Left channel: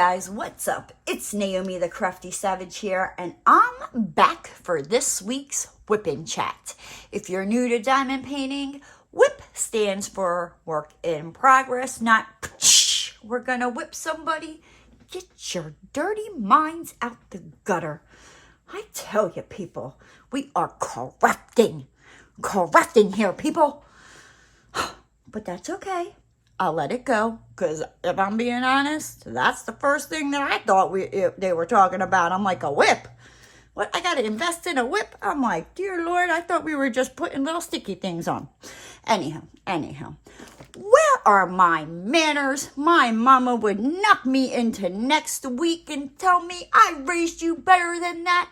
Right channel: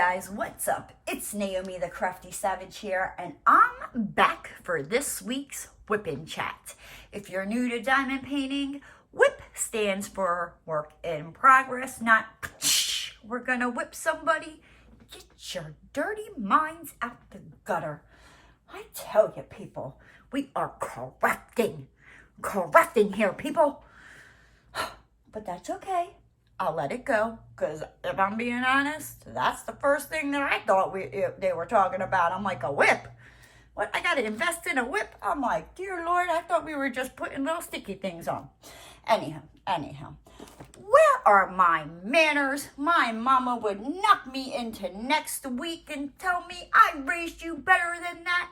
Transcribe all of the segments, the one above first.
guys, what's up? It's Naomi the Crafty Savage here, and I'm back for this week's Whip Chat. If you're new to diamond painting, whip stands for work in progress, not we're gonna whip somebody. Get your dirty minds out the gutter. I tell you, people, we are correcting here, people. But that's okay. I'll let it go, because if I'm being honest, that's the first thing that I thought they were talking about. I'm like, a whip? What, I got to invest in a whip? I'm like, dear Lord, I thought we were just putting little sticky things on. Anyhow, where are my manners? My mama would knock me into next week and tell me I raised you better than that.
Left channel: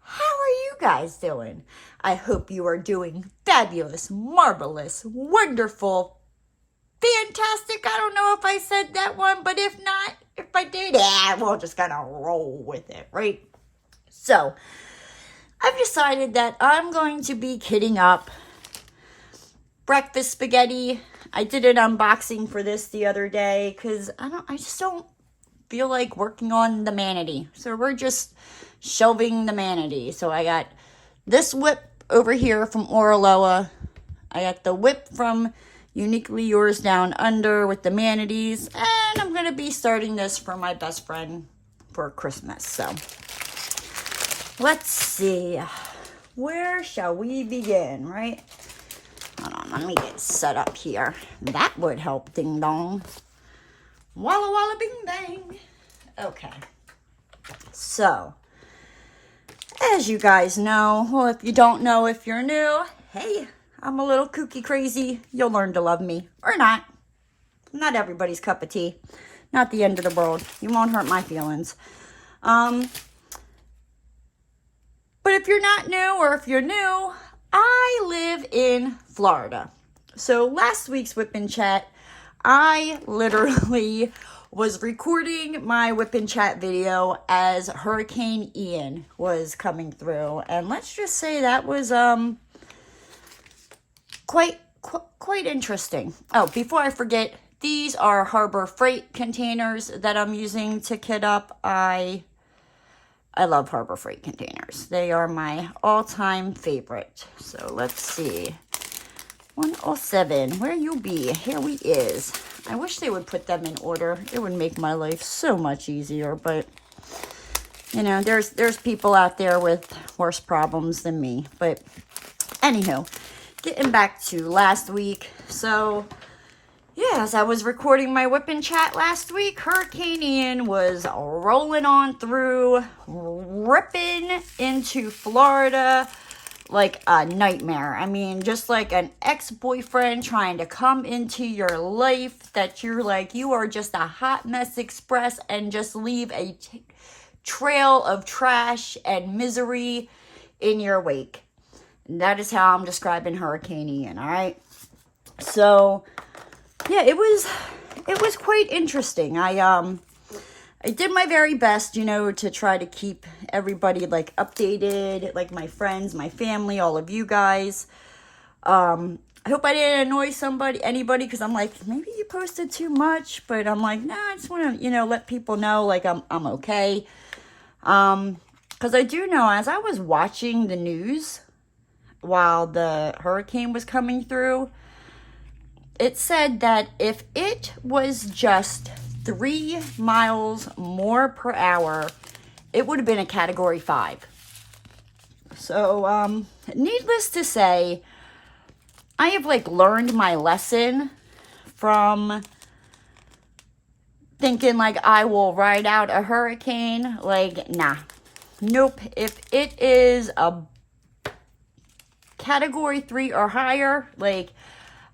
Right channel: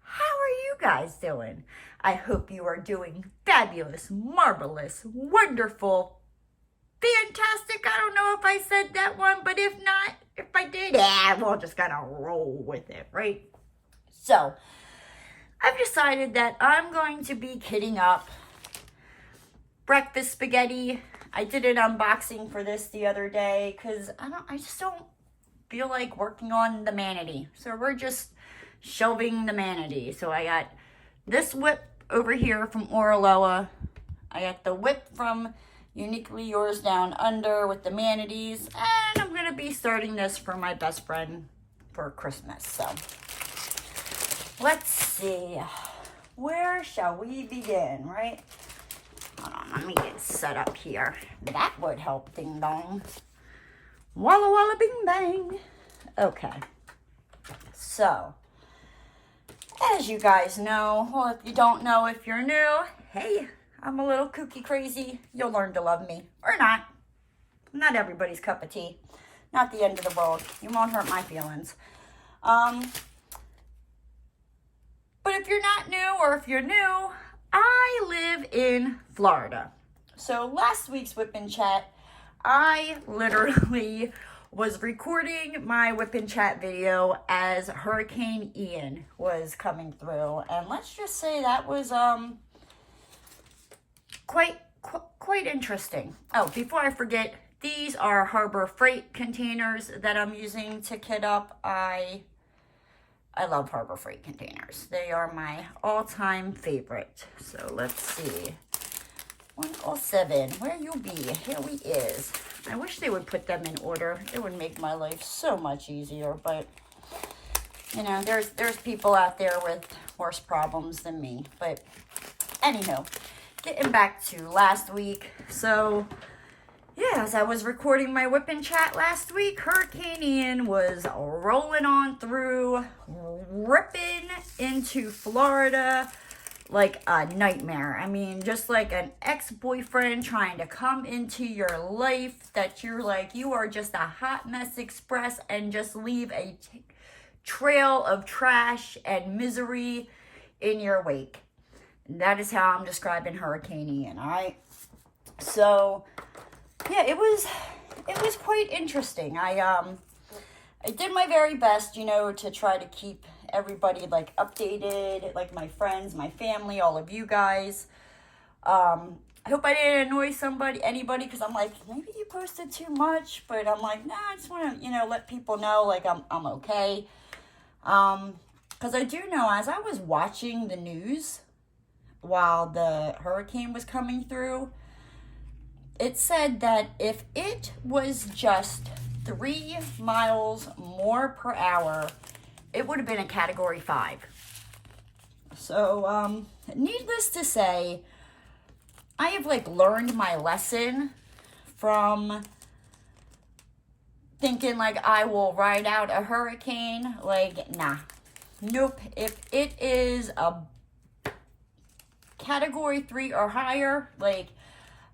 How are you guys doing? I hope you are doing fabulous, marvelous, wonderful, fantastic. I don't know if I said that one, but if not, if I did, we're just gonna roll with it, right? So, I've decided that I'm going to be kitting up breakfast spaghetti. I did an unboxing for this the other day because I just don't feel like working on the manatee. So we're just shelving the manatee. So I got this whip over here from Oraloa. I got the whip from Uniquely Yours Down Under with the manatees, and I'm going to be starting this for my best friend for Christmas. So, let's see. Where shall we begin, right? Hold on, let me get set up here. That would help, ding dong. Walla walla bing bang. Okay. So, as you guys know, well, if you don't know, if you're new, hey, I'm a little kooky crazy. You'll learn to love me. Or not. Not everybody's cup of tea. Not the end of the world. You won't hurt my feelings. But if you're not new, or if you're new, I live in Florida. So last week's Whip Chat, I literally was recording my Whip Chat video as Hurricane Ian was coming through. And let's just say that was, quite interesting. Oh, before I forget, these are Harbor Freight containers that I'm using to kit up. I love Harbor Freight containers. They are my all-time favorite. So let's see. 107, where you be? Here we is. I wish they would put them in order. It would make my life so much easier, but you know, there's people out there with worse problems than me. But anywho, getting back to last week. So, yeah, as I was recording my Whip Chat last week, Hurricane Ian was rolling on through, ripping into Florida like a nightmare. I mean, just like an ex-boyfriend trying to come into your life that you're like, you are just a hot mess express and just leave a trail of trash and misery in your wake. That is how I'm describing Hurricane Ian, all right? So, yeah, it was quite interesting. I did my very best, you know, to try to keep everybody, like, updated, like my friends, my family, all of you guys. I hope I didn't annoy anybody, because I'm like, maybe you posted too much, but I'm like, nah, I just want to, you know, let people know, like, I'm okay. Because I do know, as I was watching the news while the hurricane was coming through, it said that if it was just 3 miles more per hour, it would have been a Category 5. So, needless to say, I have, like, learned my lesson from thinking, like, I will ride out a hurricane. Like, nah. Nope. If it is a Category 3 or higher, like,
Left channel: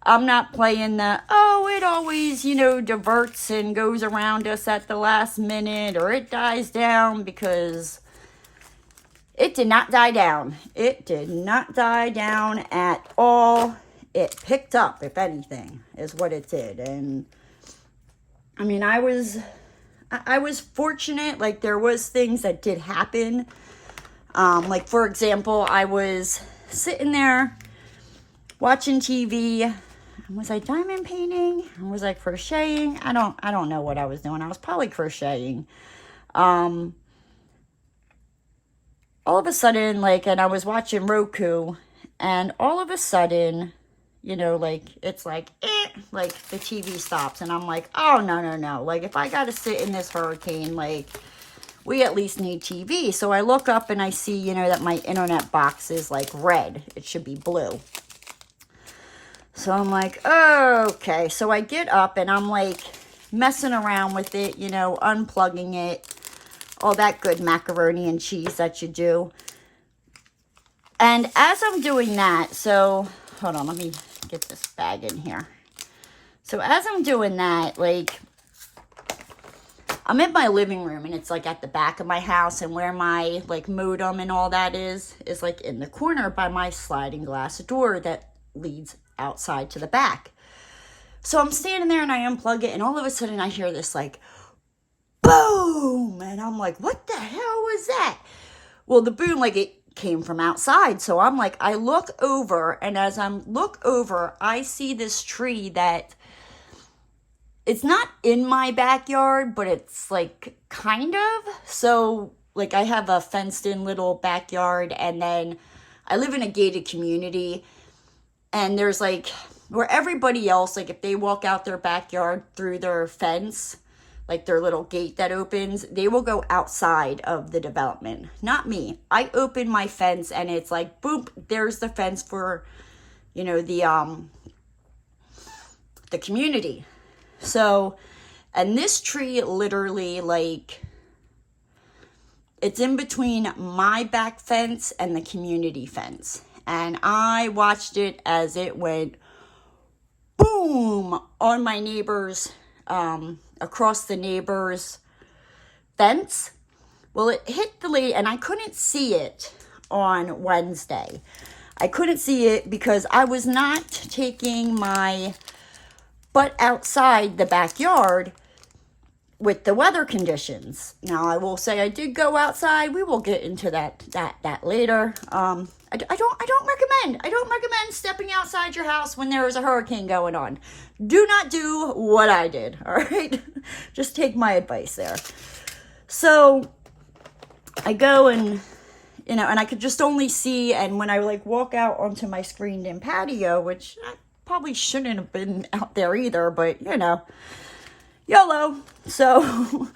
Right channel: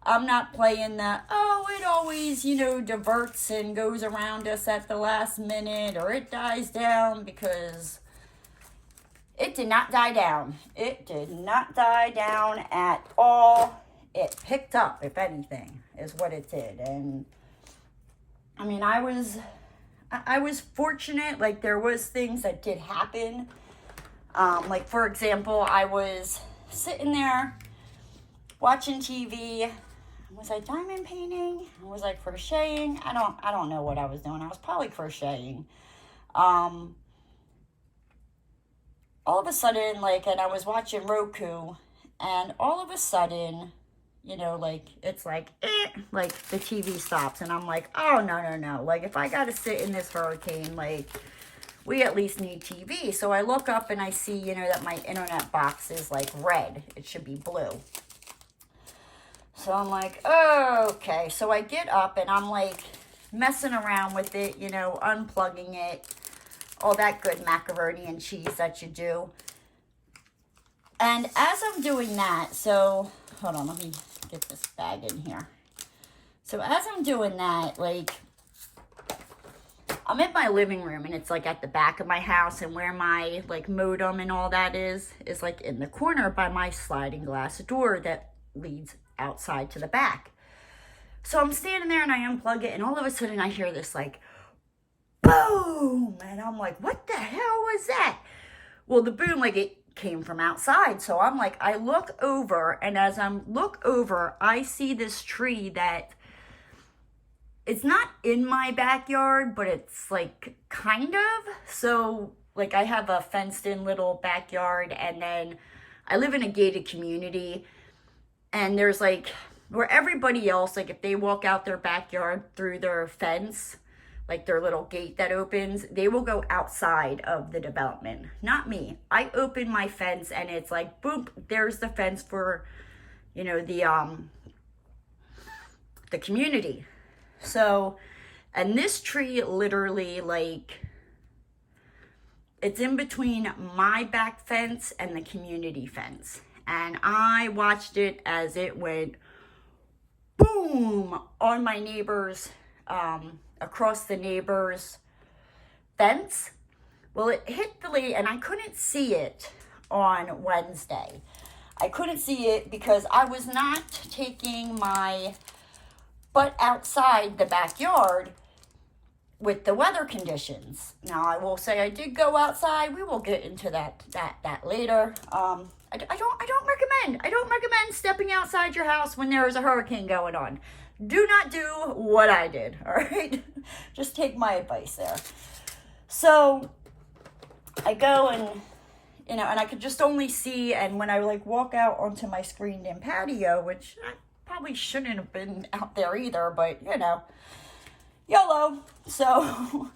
I'm not playing the, oh, it always, you know, diverts and goes around us at the last minute, or it dies down, because it did not die down. It did not die down at all. It picked up, if anything, is what it did. And I mean, I was fortunate. Like, there was things that did happen. Like, for example, I was sitting there watching TV. Was I diamond painting? Was I crocheting? I don't know what I was doing. I was probably crocheting. All of a sudden, like, and I was watching Roku, and all of a sudden, you know, like, it's like, like, the TV stops, and I'm like, oh, no. Like, if I gotta sit in this hurricane, like, we at least need TV. So I look up and I see, you know, that my internet box is, like, red. It should be blue. So I'm like, oh, okay. So I get up and I'm, like, messing around with it, you know, unplugging it. All that good macaroni and cheese that you do. And as I'm doing that, so, hold on, let me get this bag in here. So as I'm doing that, like, I'm in my living room, and it's, like, at the back of my house, and where my, like, modem and all that is, like, in the corner by my sliding glass door that leads outside to the back. So I'm standing there, and I unplug it, and all of a sudden I hear this, like, boom! And I'm like, what the hell was that? Well, the boom, like, it came from outside. So I'm like, I look over, and as I look over, I see this tree that it's not in my backyard, but it's, like, kind of. So, like, I have a fenced-in little backyard, and then I live in a gated community, and there's, like, where everybody else, like, if they walk out their backyard through their fence, like their little gate that opens, they will go outside of the development. Not me. I open my fence and it's like, boop, there's the fence for, you know, the community. So, and this tree literally, like, it's in between my back fence and the community fence. And I watched it as it went boom on my neighbor's across the neighbor's fence. Well, it hit the lady, and I couldn't see it on Wednesday. I couldn't see it because I was not taking my butt outside the backyard with the weather conditions. Now, I will say I did go outside. We will get into that later. I don't recommend stepping outside your house when there is a hurricane going on. Do not do what I did, all right? Just take my advice there. So I go and, you know, and I could just only see, and when I, like, walk out onto my screened-in patio, which I probably shouldn't have been out there either, but, you know, YOLO. So,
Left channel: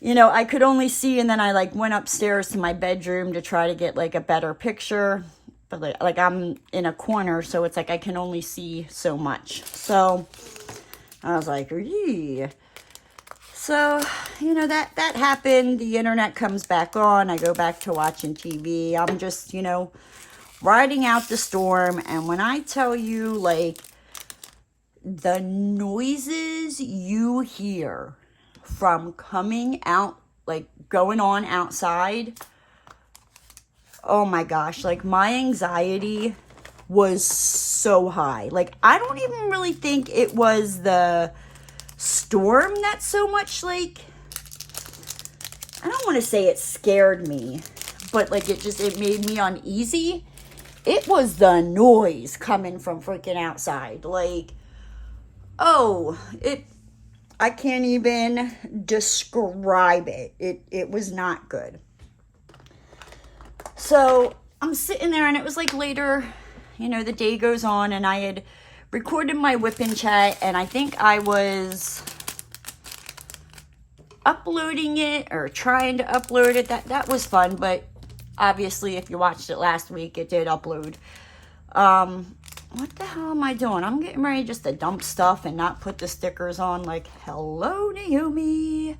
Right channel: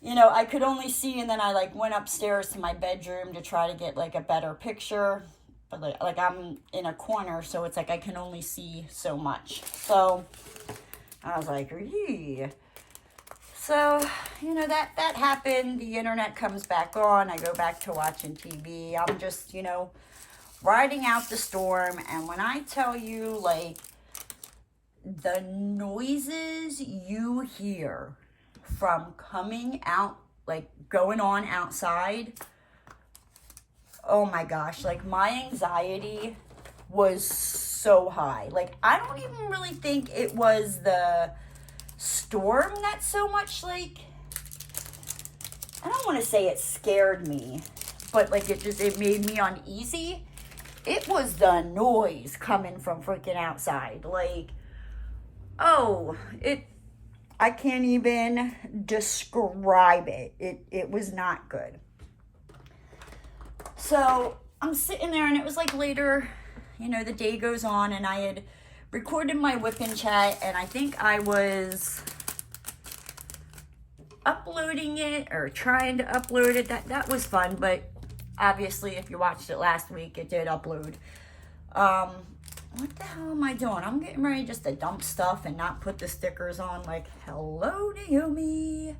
you know, I could only see, and then I, like, went upstairs to my bedroom to try to get, like, a better picture. But, like, I'm in a corner, so it's like I can only see so much. So I was like, yee. So, you know, that happened. The internet comes back on. I go back to watching TV. I'm just, you know, riding out the storm. And when I tell you, like, the noises you hear from coming out, like, going on outside, oh my gosh, like, my anxiety was so high. Like, I don't even really think it was the storm that so much, like, I don't want to say it scared me, but, like, it made me uneasy. It was the noise coming from freaking outside. Like, oh, I can't even describe it. It was not good. So I'm sitting there, and it was, like, later, you know, the day goes on, and I had recorded my Wip Chat, and I think I was uploading it or trying to upload it. That was fun, but obviously if you watched it last week, it did upload. What the hell am I doing? I'm getting ready just to dump stuff and not put the stickers on. Like, hello, Naomi.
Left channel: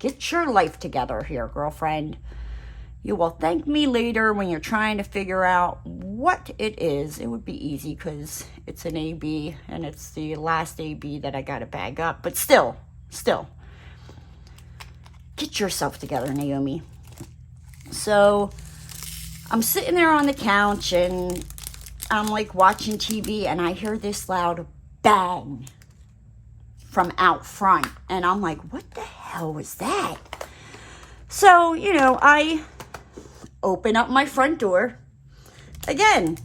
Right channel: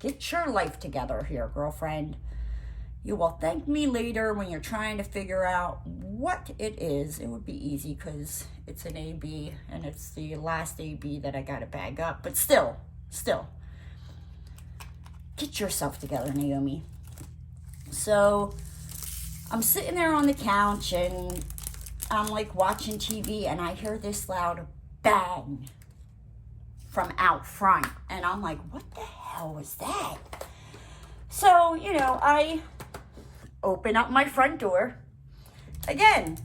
Get your life together here, girlfriend. You will thank me later when you're trying to figure out what it is. It would be easy because it's an AB, and it's the last AB that I got to bag up. But still, get yourself together, Naomi. So I'm sitting there on the couch, and I'm, like, watching TV, and I hear this loud bang from out front. And I'm like, what the hell was that? So, you know, I open up my front door. Again,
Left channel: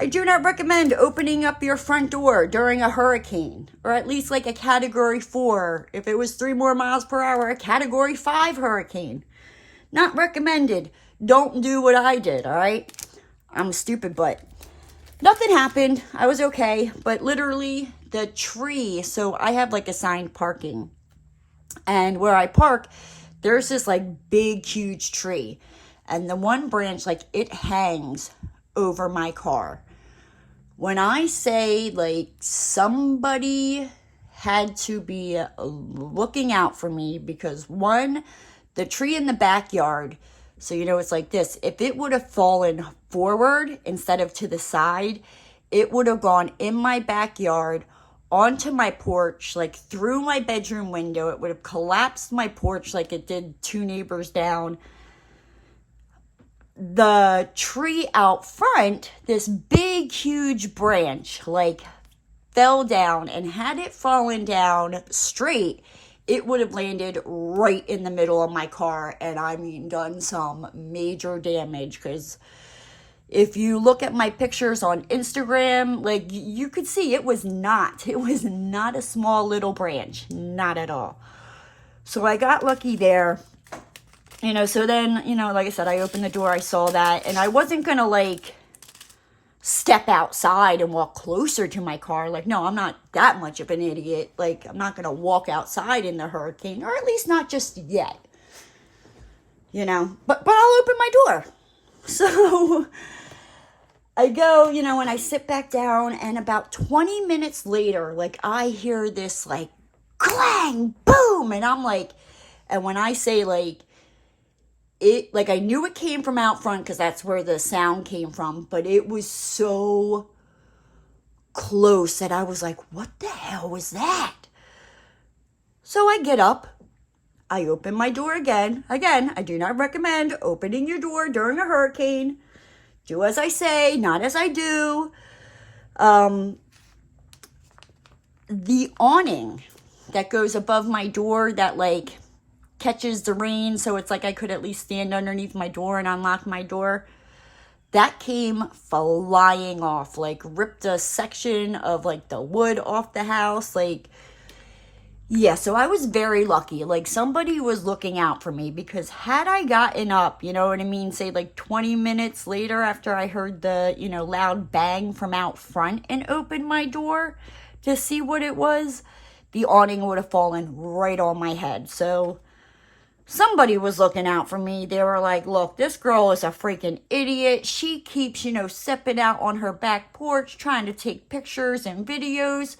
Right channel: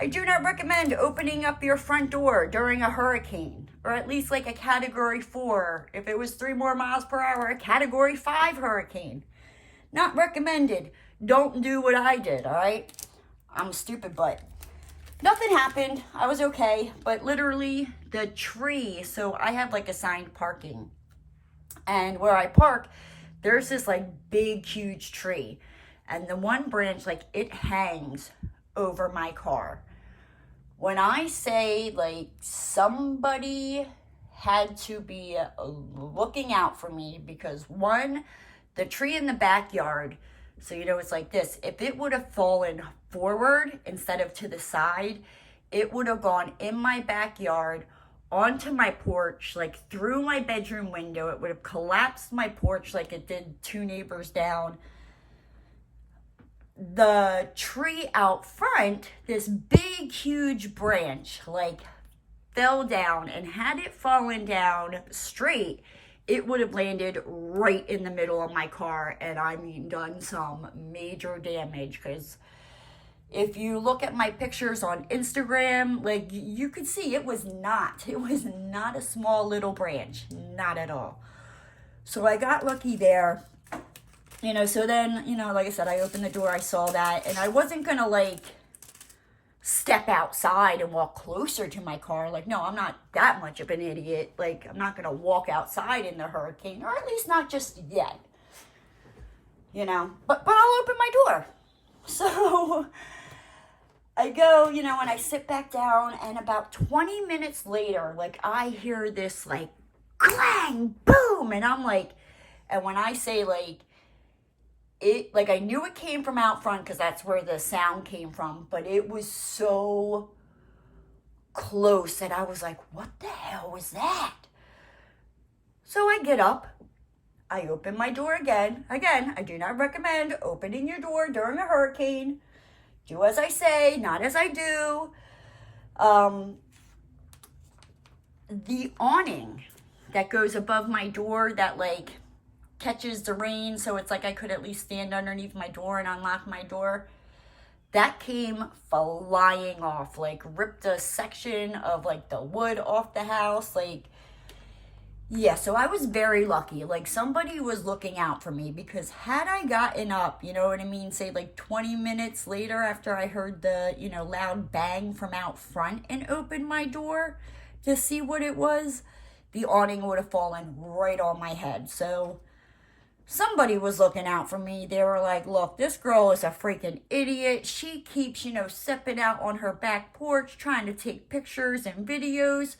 I do not recommend opening up your front door during a hurricane, or at least like a category 4. If it was 3 more miles per hour, a category 5 hurricane. Not recommended. Don't do what I did, all right? I'm a stupid butt. Nothing happened. I was okay, but literally the tree, so I have like assigned parking. And where I park, there's this like big, huge tree. And the one branch, like it hangs over my car. When I say like somebody had to be looking out for me, because one, the tree in the backyard, so you know it's like this, if it would have fallen forward instead of to the side, it would have gone in my backyard onto my porch, like through my bedroom window. It would have collapsed my porch like it did 2 neighbors down. The tree out front, this big huge branch like fell down, and had it fallen down straight, it would have landed right in the middle of my car, and I mean done some major damage. Because if you look at my pictures on Instagram, like you could see it was not a small little branch, not at all. So I got lucky there. You know, so then, you know, like I said, I opened the door, I saw that, and I wasn't going to, like, step outside and walk closer to my car. Like, no, I'm not that much of an idiot. Like, I'm not going to walk outside in the hurricane, or at least not just yet. You know, but I'll open my door. So I go, you know, and I sit back down, and about 20 minutes later, like, I hear this, like, clang, boom, and I'm like, and when I say, like, it, like, I knew it came from out front because that's where the sound came from, but it was so close that I was like, what the hell was that? So I get up, I open my door again. Again, I do not recommend opening your door during a hurricane. Do as I say, not as I do. The awning that goes above my door that, like, catches the rain, so it's like I could at least stand underneath my door and unlock my door, that came flying off, like ripped a section of like the wood off the house. Like, yeah, so I was very lucky. Like, somebody was looking out for me, because had I gotten up, you know what I mean, say like 20 minutes later after I heard the, you know, loud bang from out front and opened my door to see what it was, the awning would have fallen right on my head. So somebody was looking out for me. They were like, look, this girl is a freaking idiot. She keeps, you know, stepping out on her back porch trying to take pictures and videos.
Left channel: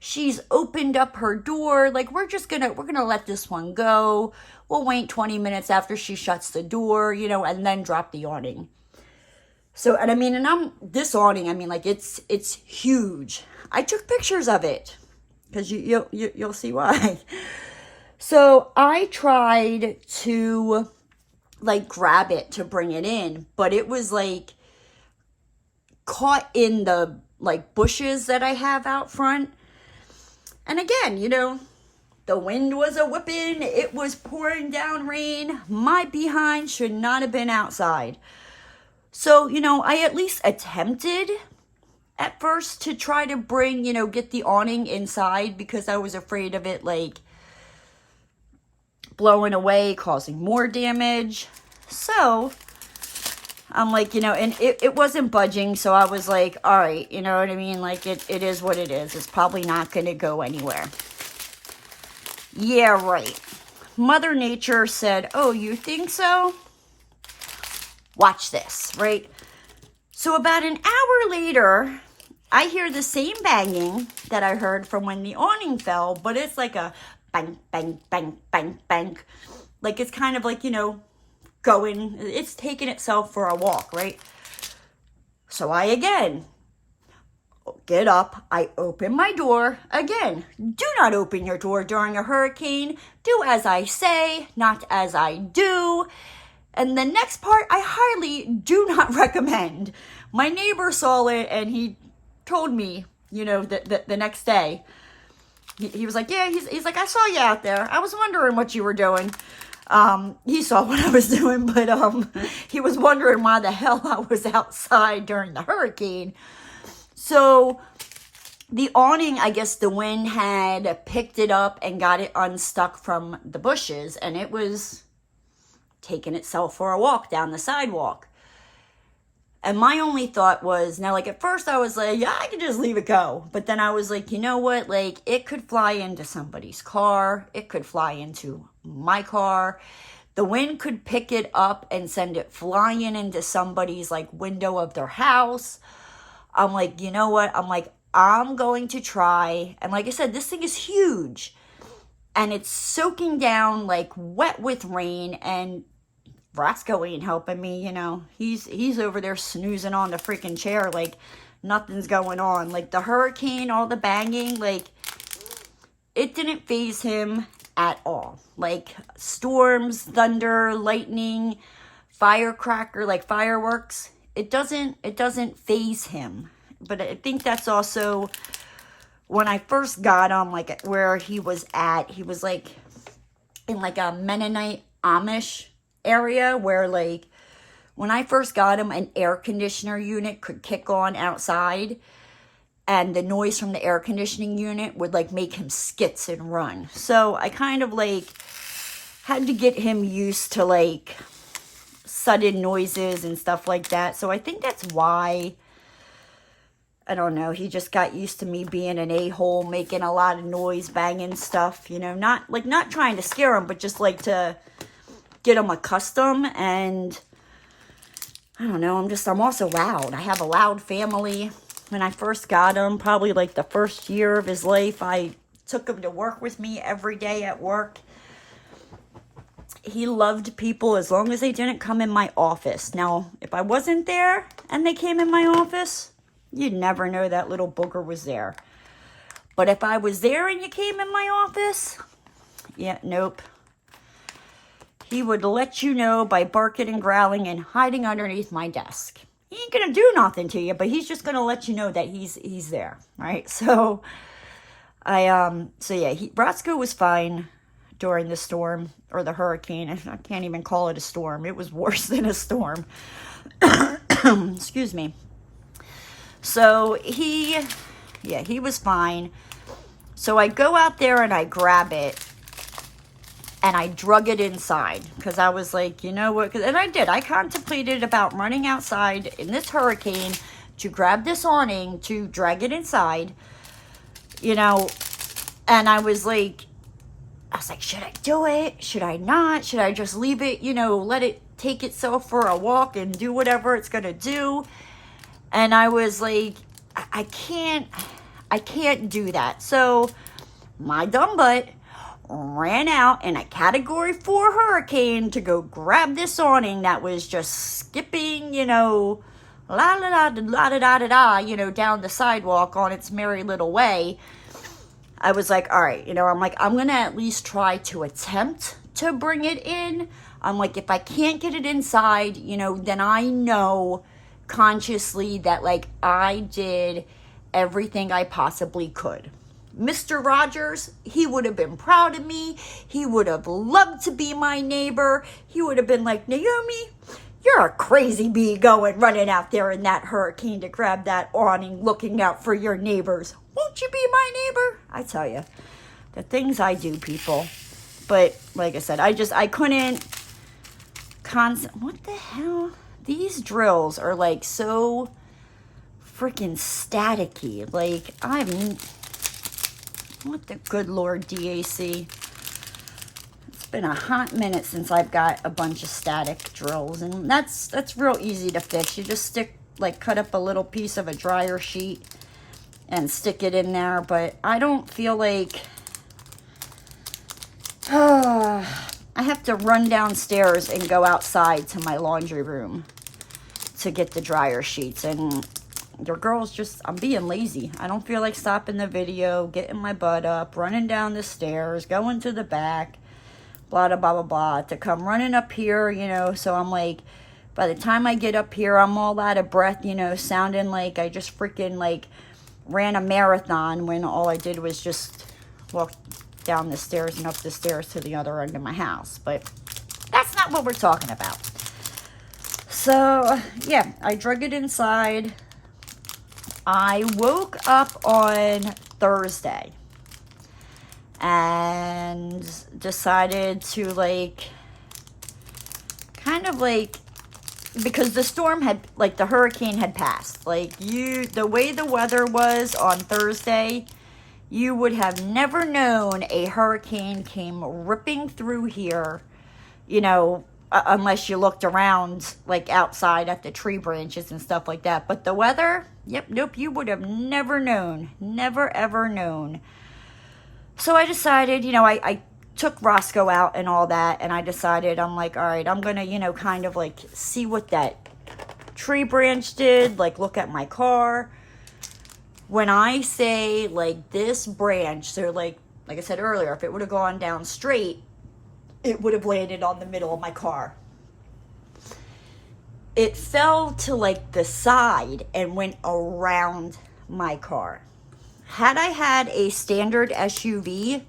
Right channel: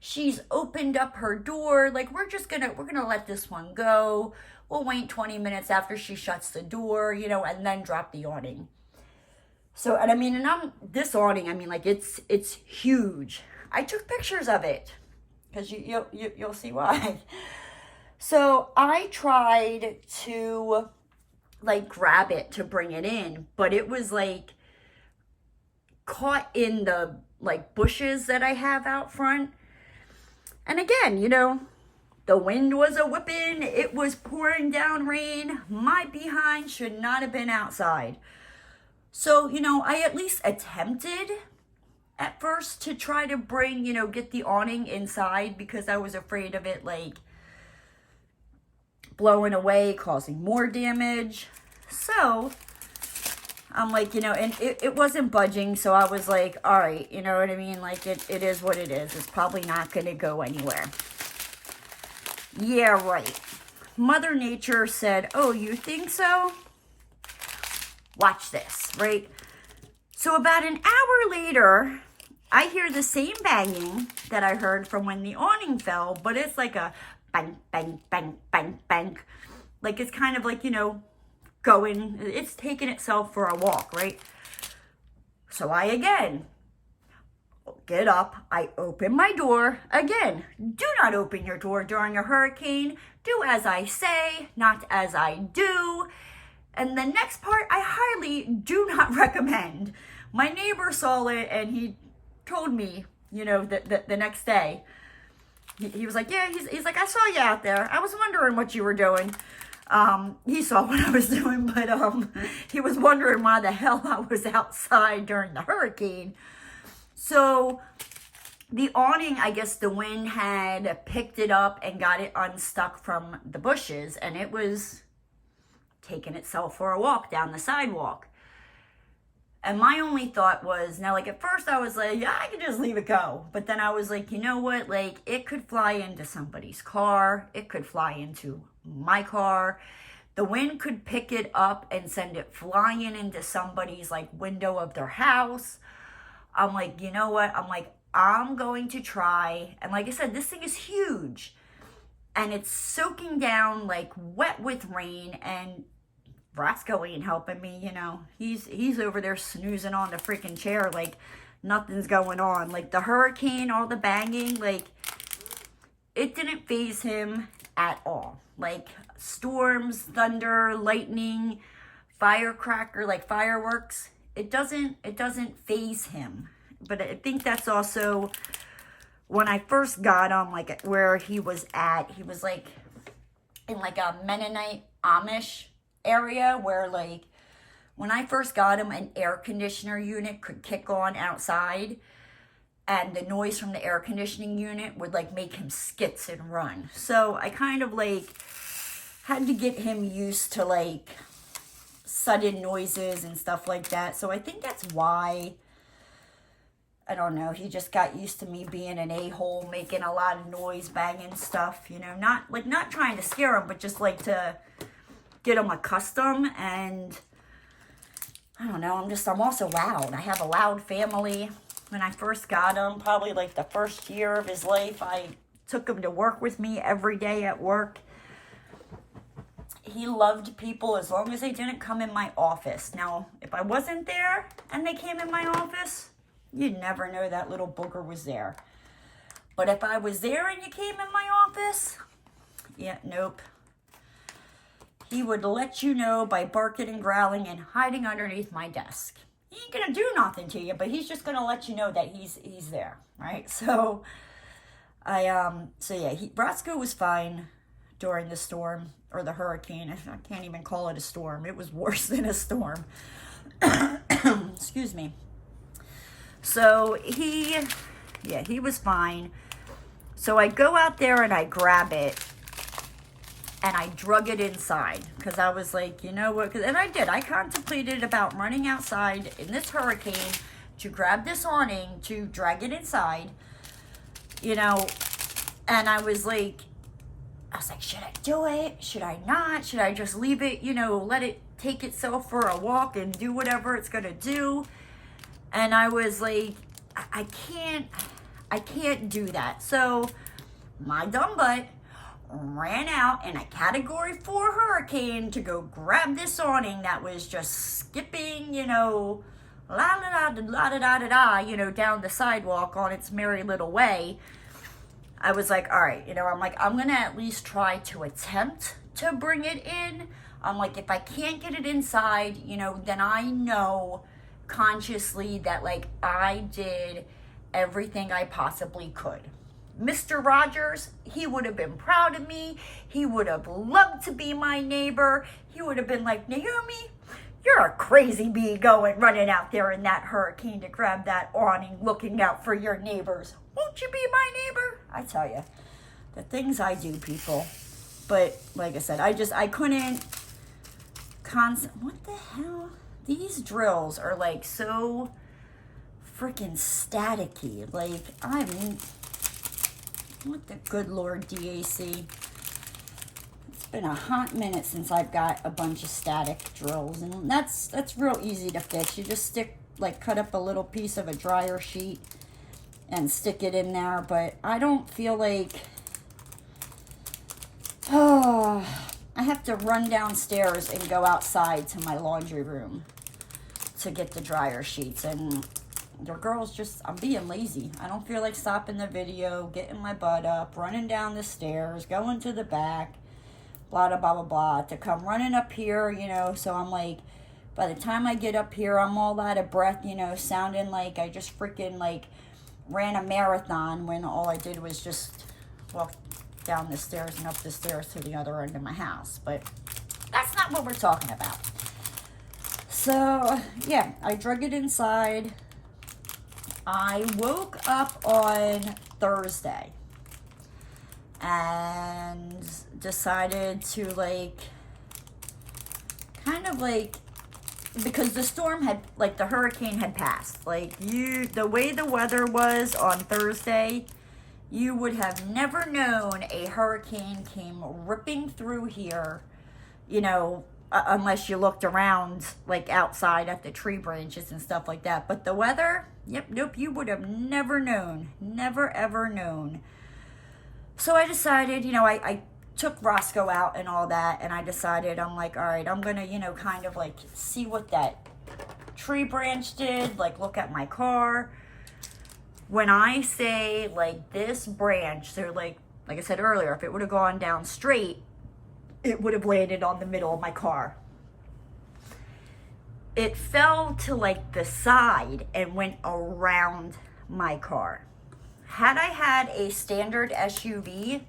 She's opened up her door. Like, we're gonna let this one go. We'll wait 20 minutes after she shuts the door, you know, and then drop the awning. So, and I mean, and this awning, I mean, like, it's huge. I took pictures of it, because you'll see why. So I tried to, like, grab it to bring it in, but it was, like, caught in the, like, bushes that I have out front. And again, you know, the wind was a whipping. It was pouring down rain. My behind should not have been outside. So, you know, I at least attempted at first to try to bring, you know, get the awning inside, because I was afraid of it, like, blowing away, causing more damage. So I'm like, you know, and it wasn't budging. So I was like, all right, you know what I mean? Like, it is what it is. It's probably not going to go anywhere. Yeah, right. Mother Nature said, oh, you think so? Watch this, right? So about an hour later, I hear the same banging that I heard from when the awning fell, but it's like a bang, bang, bang, bang, bang. Like, it's kind of like, you know, it's taking itself for a walk, right? So I again get up, I open my door. Again, do not open your door during a hurricane. Do as I say, not as I do. And the next part, I highly do not recommend. My neighbor saw it, and he told me, you know, the next day. He was like, yeah, he's like, I saw you out there. I was wondering what you were doing. He saw what I was doing, but he was wondering why the hell I was outside during the hurricane. So the awning, I guess the wind had picked it up and got it unstuck from the bushes, and it was taking itself for a walk down the sidewalk. And my only thought was, now, like, at first I was like, yeah, I could just leave it go. But then I was like, you know what? Like, it could fly into somebody's car. It could fly into my car. The wind could pick it up and send it flying into somebody's, like, window of their house. I'm like, you know what? I'm like, I'm going to try. And like I said, this thing is huge. And it's soaking down, like, wet with rain. And Roscoe ain't helping me, you know. He's over there snoozing on the freaking chair like nothing's going on. Like, the hurricane, all the banging, like, it didn't faze him at all. Like, storms, thunder, lightning, firecracker, like fireworks, it doesn't faze him. But I think that's also, when I first got him, like, where he was at, he was, like, in, like, a Mennonite Amish area where, like, when I first got him, an air conditioner unit could kick on outside, and the noise from the air conditioning unit would, like, make him skits and run. So I kind of, like, had to get him used to, like, sudden noises and stuff like that. So I think that's why, I don't know, he just got used to me being an a-hole, making a lot of noise, banging stuff, you know, not trying to scare him, but just, like, to get him accustomed. And I don't know, I'm also loud. I have a loud family. When I first got him, probably like the first year of his life, I took him to work with me every day at work. He loved people as long as they didn't come in my office. Now, if I wasn't there and they came in my office, you'd never know that little booger was there. But if I was there and you came in my office, yeah, nope. He would let you know by barking and growling and hiding underneath my desk. He ain't gonna do nothing to you, but he's just gonna let you know that he's there, right? So Roscoe was fine during the storm, or the hurricane. I can't even call it a storm. It was worse than a storm. Excuse me. So he was fine. So I go out there and I grab it, and I drug it inside, because I was like, you know what, and I did. I contemplated about running outside in this hurricane to grab this awning, to drag it inside, you know, and I was like, should I do it? Should I not? Should I just leave it, you know, let it take itself for a walk and do whatever it's going to do? And I was like, I can't do that. So my dumb butt ran out in a Category 4 hurricane to go grab this awning that was just skipping, you know, la la la la da da da da, you know, down the sidewalk on its merry little way. I was like, all right, you know, I'm like, I'm gonna at least try to attempt to bring it in. I'm like, if I can't get it inside, you know, then I know consciously that, like, I did everything I possibly could. Mr. Rogers, he would have been proud of me. He would have loved to be my neighbor. He would have been like, Naomi, you're a crazy bee running out there in that hurricane to grab that awning, looking out for your neighbors. Won't you be my neighbor? I tell you, the things I do, people. But like I said, I couldn't what the hell? These drills are like so freaking staticky. Like, what the good Lord, DAC. It's been a hot minute since I've got a bunch of static drills, and that's real easy to fix. You just cut up a little piece of a dryer sheet and stick it in there. But I don't feel like, I have to run downstairs and go outside to my laundry room to get the dryer sheets. And your girl's I'm being lazy. I don't feel like stopping the video, getting my butt up, running down the stairs, going to the back, blah, blah, blah, blah, blah, to come running up here, you know. So I'm like, by the time I get up here, I'm all out of breath, you know, sounding like I just freaking, like, ran a marathon when all I did was just walk down the stairs and up the stairs to the other end of my house. But That's not what we're talking about. So, yeah, I drug it inside. I woke up on Thursday and decided to, like, kind of, like, because the storm had, like, the hurricane had passed. Like, the way the weather was on Thursday, you would have never known a hurricane came ripping through here, you know, unless you looked around, like, outside at the tree branches and stuff like that. But the weather, yep, nope, you would have never known. Never, ever known. So I decided, you know, I took Roscoe out and all that, and I decided, I'm like, all right, I'm going to, you know, kind of, like, see what that tree branch did, like, look at my car. When I say, like, this branch, so, like I said earlier, if it would have gone down straight, it would have landed on the middle of my car. It fell to, like, the side and went around my car. Had I had a standard SUV,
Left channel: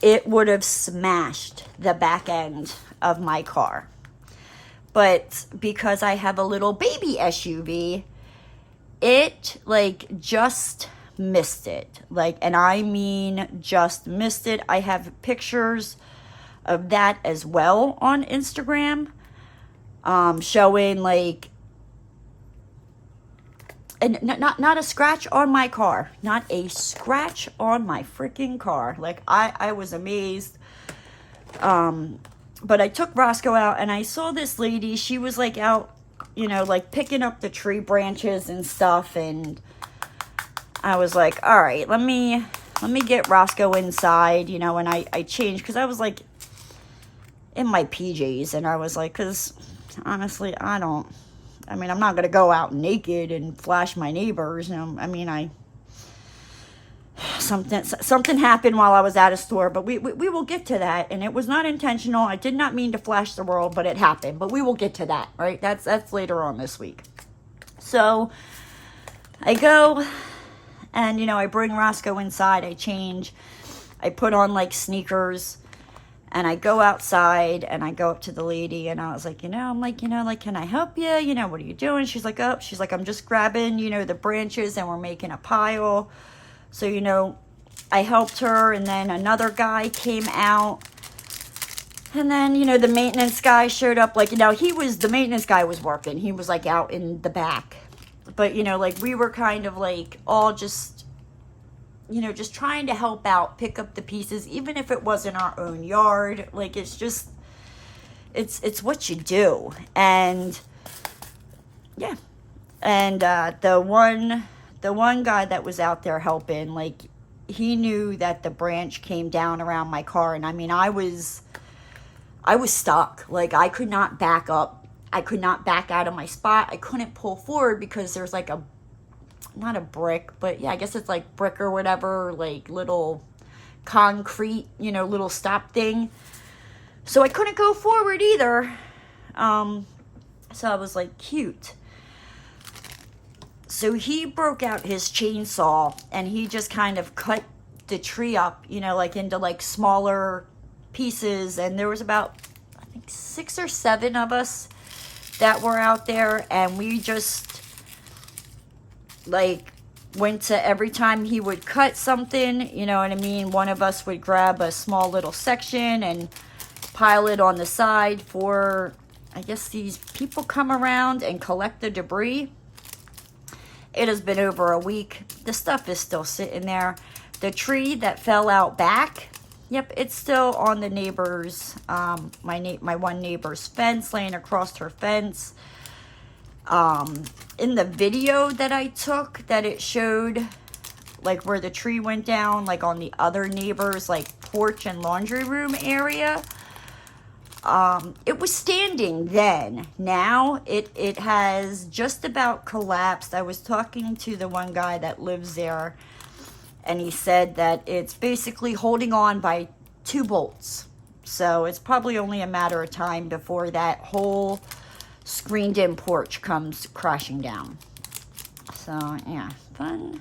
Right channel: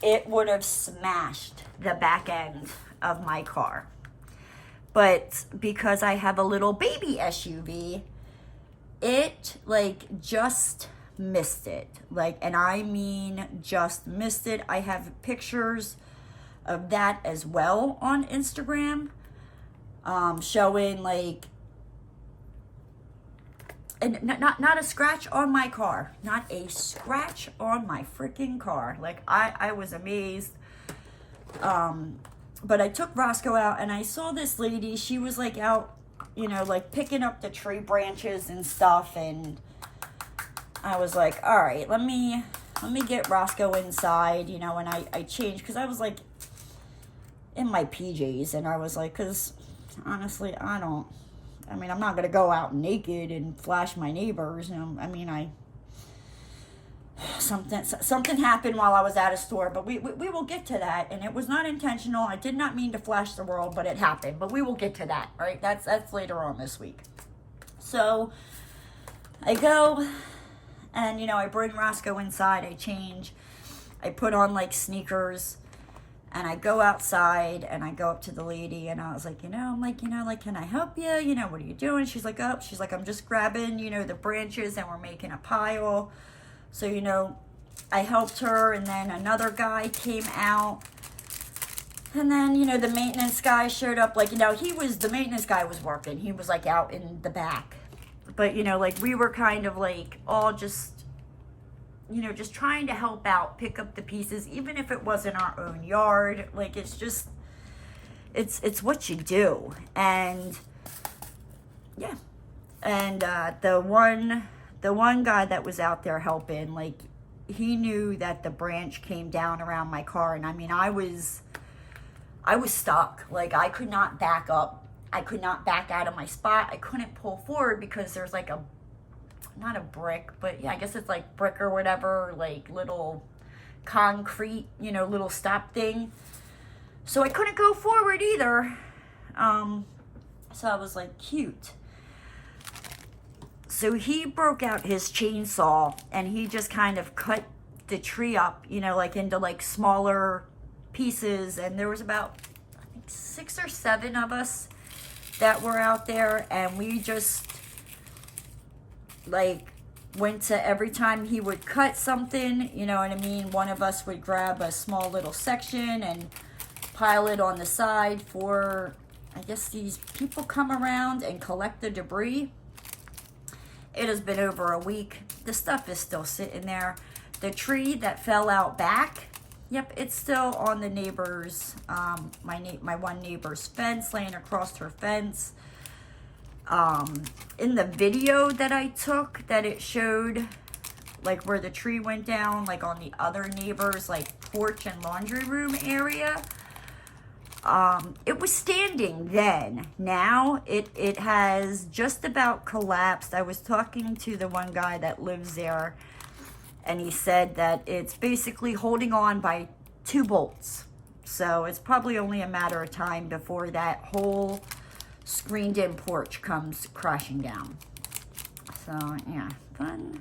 it would have smashed the back end of my car. But because I have a little baby SUV, it, like, just missed it. Like, and I mean just missed it. I have pictures of that as well on Instagram, showing, like, and not a scratch on my car, not a scratch on my freaking car. Like, I was amazed. But I took Roscoe out, and I saw this lady. She was, like, out, you know, like, picking up the tree branches and stuff, and I was like, all right, let me get Roscoe inside, you know. And I changed, because I was, like, in my PJs, and I was like, because honestly, I'm not gonna go out naked and flash my neighbors, you know. I mean, something happened while I was at a store, but we will get to that, and it was not intentional. I did not mean to flash the world, but it happened. But we will get to that, right? That's later on this week. So I go, and, you know, I bring Roscoe inside, I change, I put on, like, sneakers, and I go outside, and I go up to the lady, and I was like, can I help you? You know, what are you doing? She's like, I'm just grabbing, you know, the branches, and we're making a pile. So, you know, I helped her, and then another guy came out, and then, you know, the maintenance guy showed up. Like, you know, the maintenance guy was working. He was, like, out in the back. But, you know, like, we were kind of, like, all just, you know, just trying to help out, pick up the pieces, even if it wasn't our own yard. Like, it's just, it's what you do. And, yeah. And the one guy that was out there helping, like, he knew that the branch came down around my car, and I mean, I was stuck. Like, I could not back up. I could not back out of my spot. I couldn't pull forward because there's, like, not a brick, but yeah, I guess it's like brick or whatever, like, little concrete, you know, little stop thing. So I couldn't go forward either. So I was like, cute. So he broke out his chainsaw, and he just kind of cut the tree up, you know, like, into, like, smaller pieces. And there was about, I think, 6 or 7 of us that were out there, and we just, like, went to, every time he would cut something, you know what I mean, one of us would grab a small little section and pile it on the side for, I guess, these people come around and collect the debris. It has been over a week. The stuff is still sitting there. The tree that fell out back, yep, it's still on the neighbor's, my one neighbor's fence, laying across her fence. In the video that I took, that it showed, like, where the tree went down, like, on the other neighbor's, like, porch and laundry room area, it was standing then. Now it has just about collapsed. I was talking to the one guy that lives there, and he said that it's basically holding on by 2 bolts. So it's probably only a matter of time before that whole screened in porch comes crashing down. So yeah, fun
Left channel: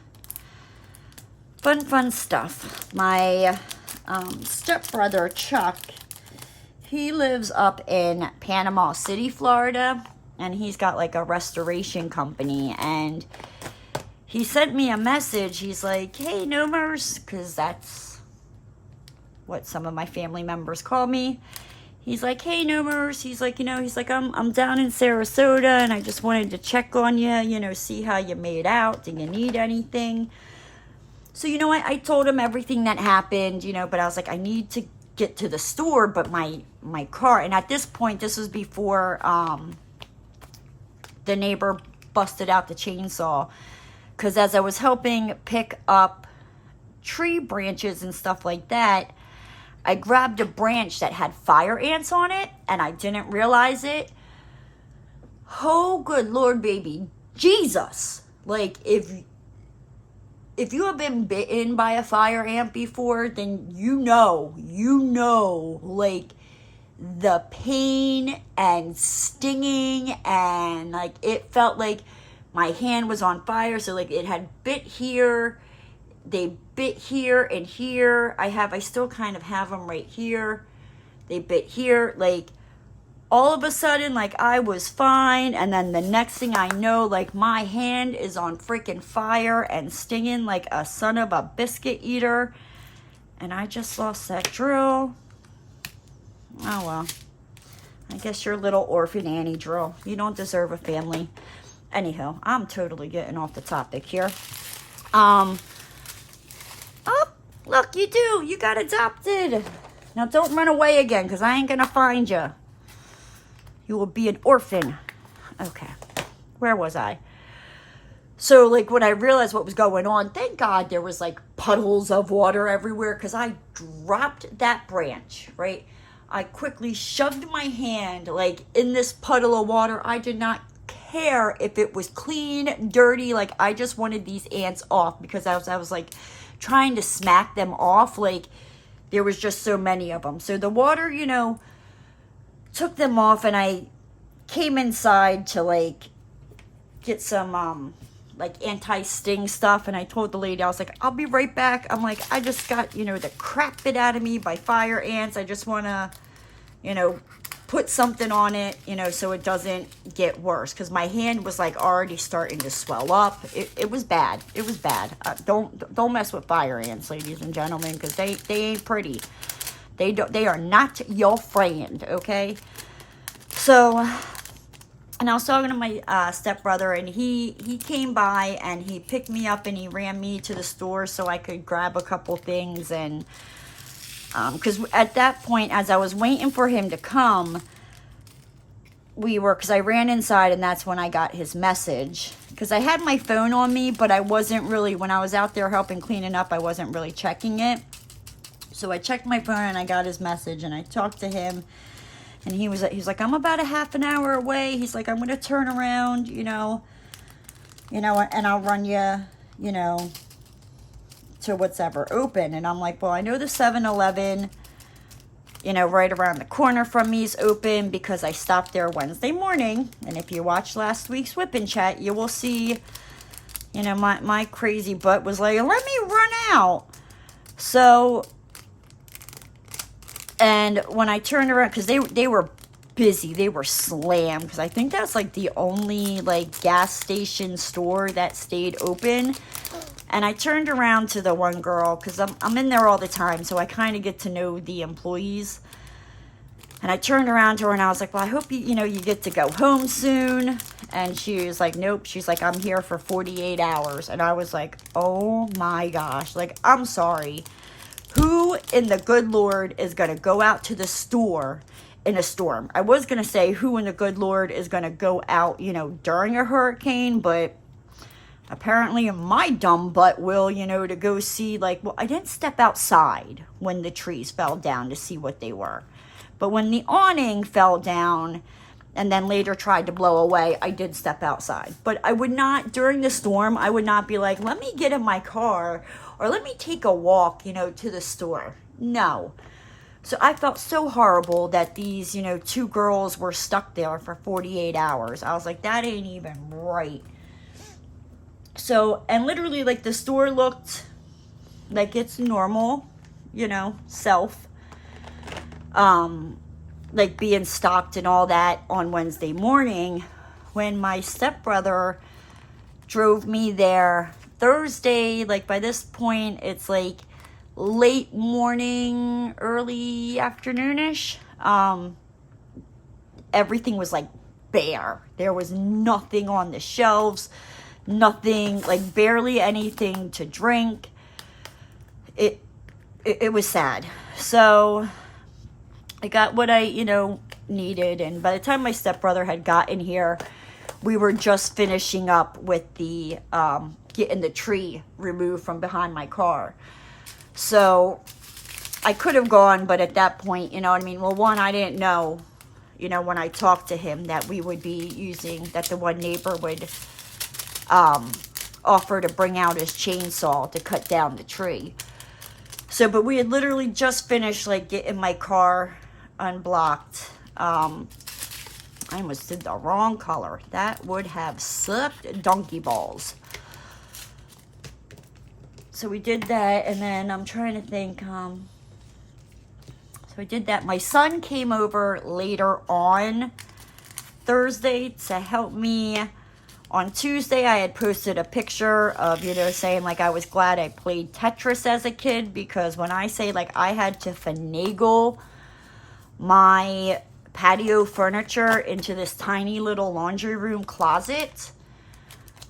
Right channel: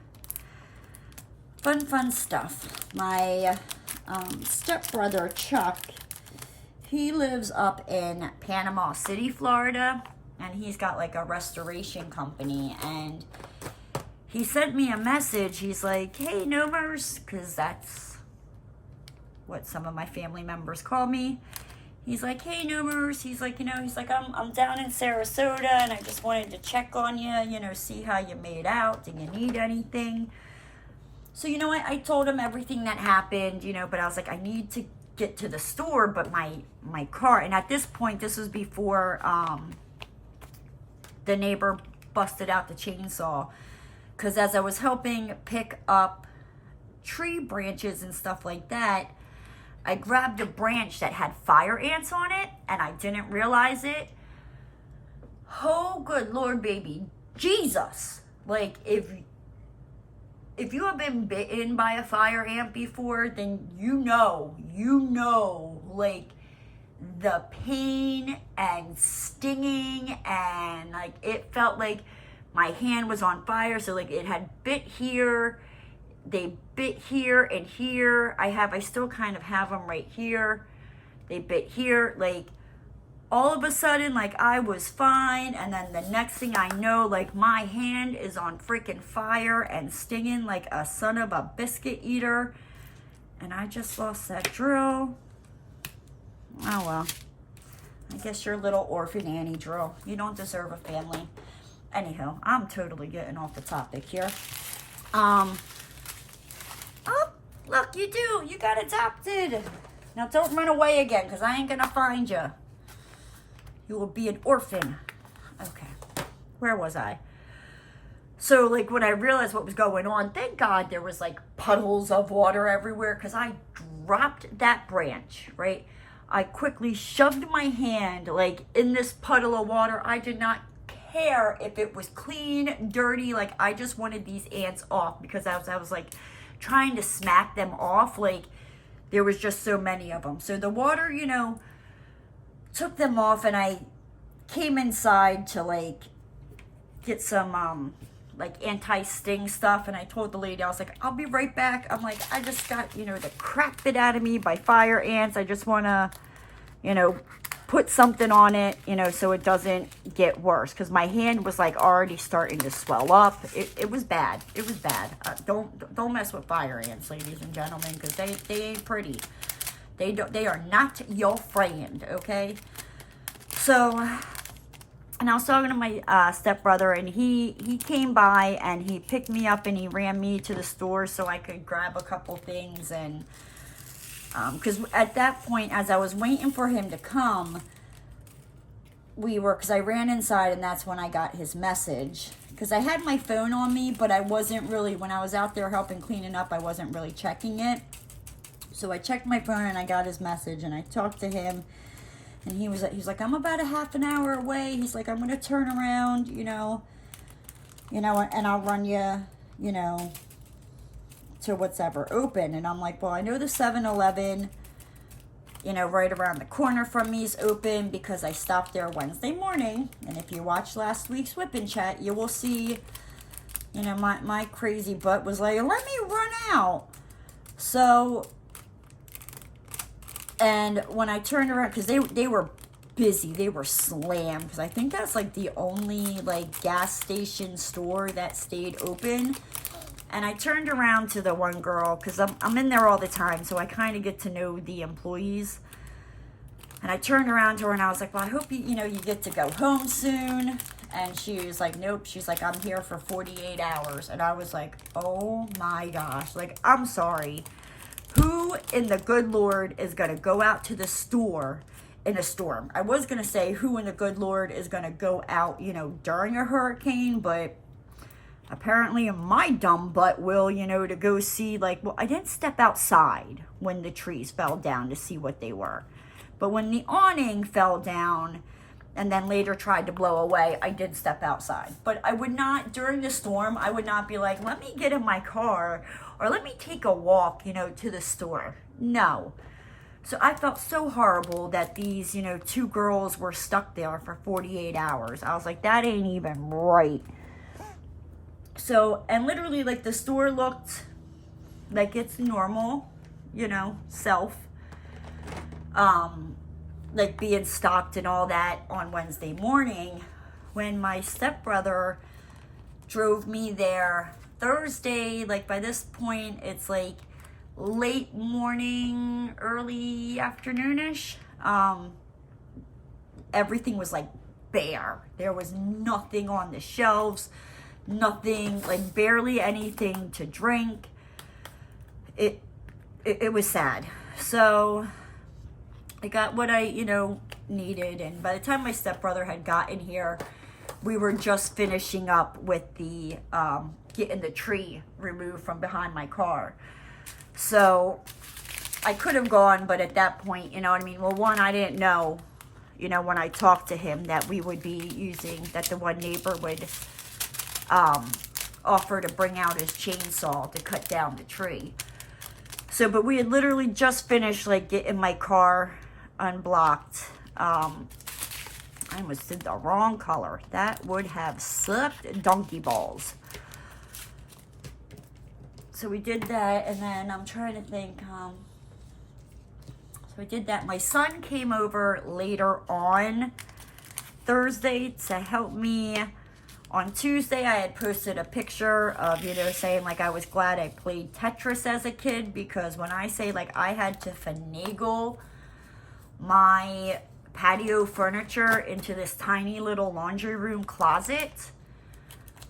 stuff. My stepbrother Chuck, He lives up in Panama City, Florida, and he's got like a restoration company, and he sent me a message. He's like, hey, Nomers, because that's what some of my family members call me. He's like, hey, Nomers. He's like, I'm down in Sarasota, and I just wanted to check on you, see how you made out. Do you need anything? So, I told him everything that happened, but I was like, I need to get to the store, but my car, and at this point, this was before the neighbor busted out the chainsaw, because as I was helping pick up tree branches and stuff like that, I grabbed a branch that had fire ants on it, and I didn't realize it. Oh, good Lord, baby. Jesus. Like, if you have been bitten by a fire ant before, then you know, like, the pain and stinging, and, like, it felt like my hand was on fire. So, like, it had bit here. They bit here and here. I still kind of have them right here. They bit here. Like, all of a sudden, like, I was fine. And then the next thing I know, like, my hand is on freaking fire and stinging like a son of a biscuit eater. And I just lost that drill. Oh, well. I guess you're a little orphan Annie drill. You don't deserve a family. Anyhow, I'm totally getting off the topic here. Oh, look, you do. You got adopted. Now, don't run away again, because I ain't going to find you. You will be an orphan. Okay. Where was I? So, like, when I realized what was going on, thank God there was, like, puddles of water everywhere, because I dropped that branch, right? I quickly shoved my hand, like, in this puddle of water. I did not care if it was clean, dirty. Like, I just wanted these ants off, because I was like, trying to smack them off. Like, there was just so many of them. So the water, took them off, and I came inside to, like, get some, like, anti-sting stuff, and I told the lady, I was like, I'll be right back. I'm like, I just got, the crap bit out of me by fire ants. I just want to, put something on it, so it doesn't get worse, because my hand was, like, already starting to swell up. It was bad. It was bad. Don't mess with fire ants, ladies and gentlemen, because they ain't pretty. They are not your friend, okay? So, and I was talking to my stepbrother, and he came by, and he picked me up, and he ran me to the store so I could grab a couple things. And because at that point, as I was waiting for him to come, because I ran inside, and that's when I got his message. Because I had my phone on me, but I wasn't really, when I was out there helping cleaning up, I wasn't really checking it. So I checked my phone, and I got his message, and I talked to him, and he was like, I'm about a half an hour away. He's like, I'm going to turn around, and I'll run you, to what's ever open. And I'm like, well, I know the 7-Eleven, right around the corner from me is open, because I stopped there Wednesday morning. And if you watched last week's Wip Chat, you will see, my crazy butt was like, let me run out. So, and when I turned around, because they were busy, they were slammed, because I think that's like the only like gas station store that stayed open. And I turned around to the one girl, because I'm in there all the time, so I kind of get to know the employees. And I turned around to her, and I was like, well, I hope you get to go home soon. And she was like, nope. She's like, I'm here for 48 hours. And I was like, oh my gosh. Like, I'm sorry. Who in the good Lord is going to go out to the store in a storm? I was going to say who in the good Lord is going to go out, during a hurricane, but apparently my dumb butt will, to go see, like, well, I didn't step outside when the trees fell down to see what they were. But when the awning fell down and then later tried to blow away, I did step outside. But I would not, during the storm, I would not be like, let me get in my car or let me take a walk, to the store. No. So I felt so horrible that these, two girls were stuck there for 48 hours. I was like, that ain't even right. So, and literally, like, the store looked like it's normal, self. like being stocked and all that on Wednesday morning, when my stepbrother drove me there Thursday. Like by this point, it's like late morning, early afternoonish. Everything was like bare. There was nothing on the shelves, nothing, like barely anything to drink. It was sad. So I got what I, needed. And by the time my stepbrother had gotten here, we were just finishing up with the, getting the tree removed from behind my car. So I could have gone, but at that point, well, one, I didn't know, when I talked to him that we would be using, that the one neighbor would, offer to bring out his chainsaw to cut down the tree. So, but we had literally just finished, like, getting my car unblocked. I almost did the wrong color. That would have sucked donkey balls. So we did that, and then I'm trying to think, so I did that. My son came over later on Thursday to help me. On Tuesday, I had posted a picture of, saying, like, I was glad I played Tetris as a kid, because when I say, like, I had to finagle my patio furniture into this tiny little laundry room closet,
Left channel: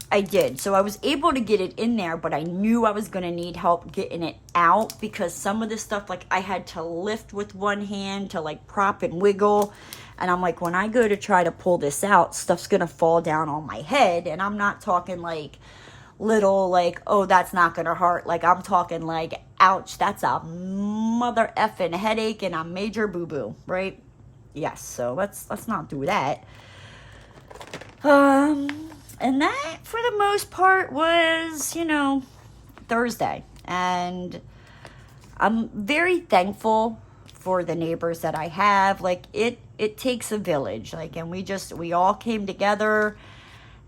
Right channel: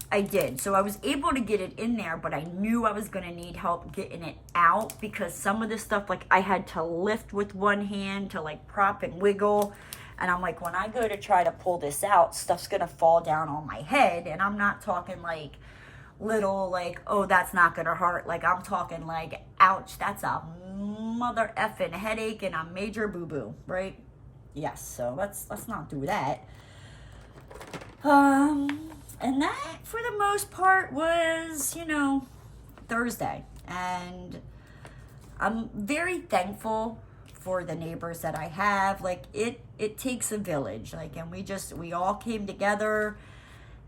I did. So I was able to get it in there, but I knew I was going to need help getting it out, because some of this stuff, like, I had to lift with one hand to, like, prop and wiggle. And I'm like, when I go to try to pull this out, stuff's going to fall down on my head. And I'm not talking like little, like, oh, that's not going to hurt. Like, I'm talking like, ouch, that's a mother effing headache and a major boo-boo, right? Yes, so let's not do that. And that, for the most part, was, Thursday. And I'm very thankful for the neighbors that I have. Like, it takes a village, like, and we all came together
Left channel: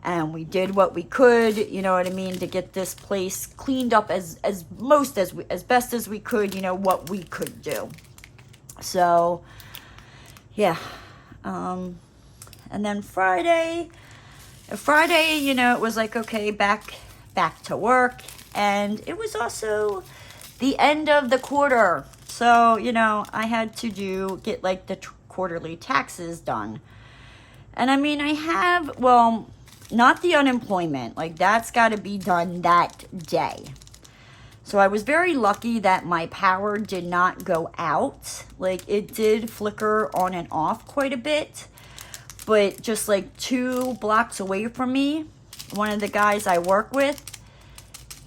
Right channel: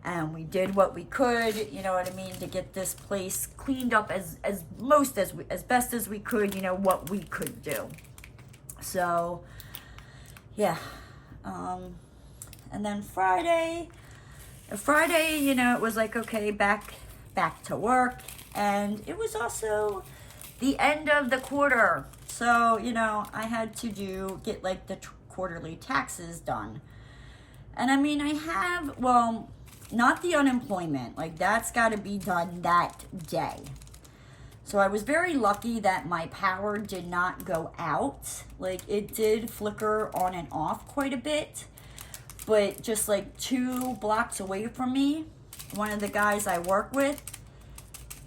and we did what we could, to get this place cleaned up as best as we could, what we could do. So yeah. And then Friday, it was like, okay, back to work. And it was also the end of the quarter. So, I had to get like the quarterly taxes done. And I have, well, not the unemployment, like that's got to be done that day. So I was very lucky that my power did not go out. Like, it did flicker on and off quite a bit, but just like 2 blocks away from me, one of the guys I work with,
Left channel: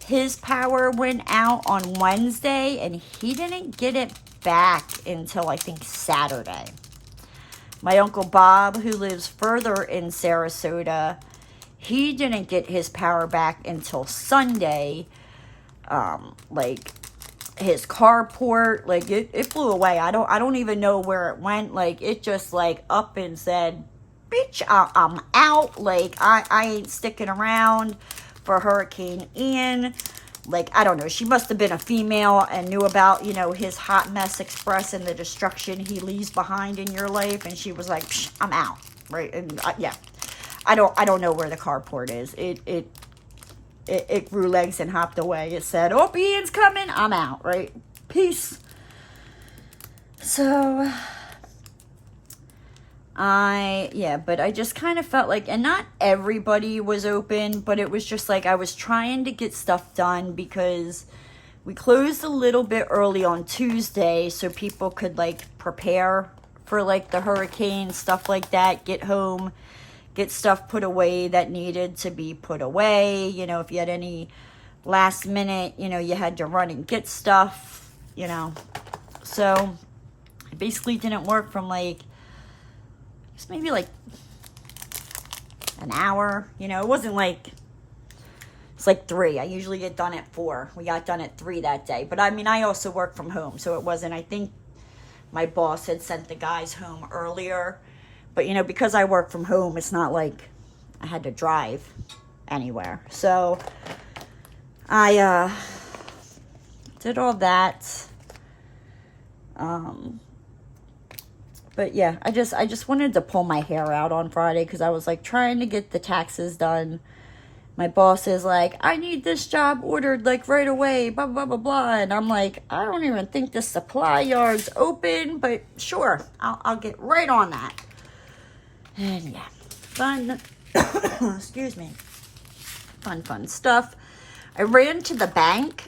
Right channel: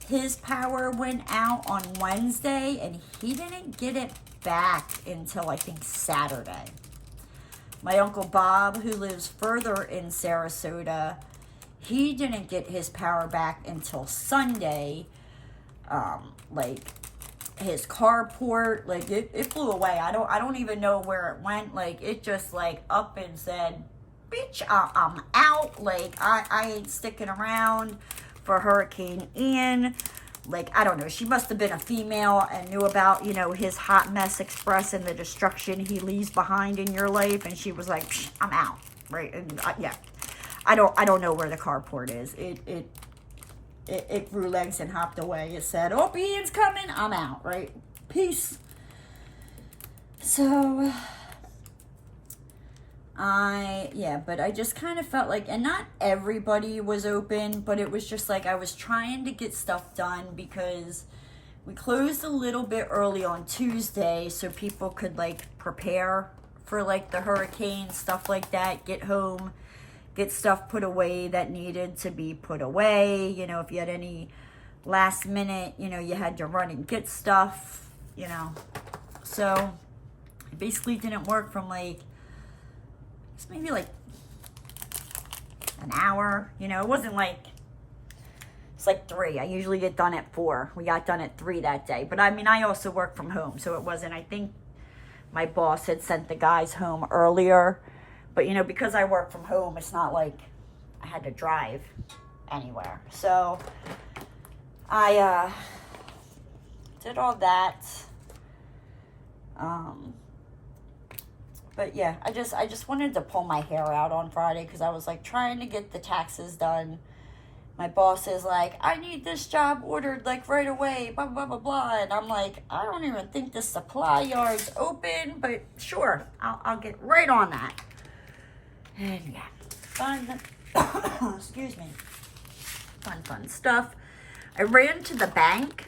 his power went out on Wednesday and he didn't get it back until I think Saturday. My Uncle Bob, who lives further in Sarasota, he didn't get his power back until Sunday. Like, his carport, like, it flew away. I don't even know where it went. Like, it just, like, up and said, bitch, I'm out. Like, I ain't sticking around for Hurricane Ian. Like, I don't know, she must have been a female and knew about, his hot mess express and the destruction he leaves behind in your life. And she was like, I'm out, right? And yeah, I don't know where the carport is. It grew legs and hopped away. It said, oh, Ian's coming, I'm out, right? Peace. So, but I just kind of felt like, and not everybody was open, but it was just like I was trying to get stuff done because we closed a little bit early on Tuesday so people could like prepare for like the hurricane, stuff like that, get home, get stuff put away that needed to be put away. If you had any last minute, you had to run and get stuff, So it basically didn't work from like, maybe like an hour, it wasn't like, it's like 3. I usually get done at 4. We got done at 3 that day. But I also work from home, so it wasn't, I think my boss had sent the guys home earlier. But, because I work from home, it's not like I had to drive anywhere. So I did all that. But yeah, I just wanted to pull my hair out on Friday because I was like trying to get the taxes done. My boss is like, I need this job ordered like right away, blah, blah, blah, blah. And I'm like, I don't even think the supply yard's open, but sure, I'll get right on that. And yeah, fun, excuse me, fun stuff. I ran to the bank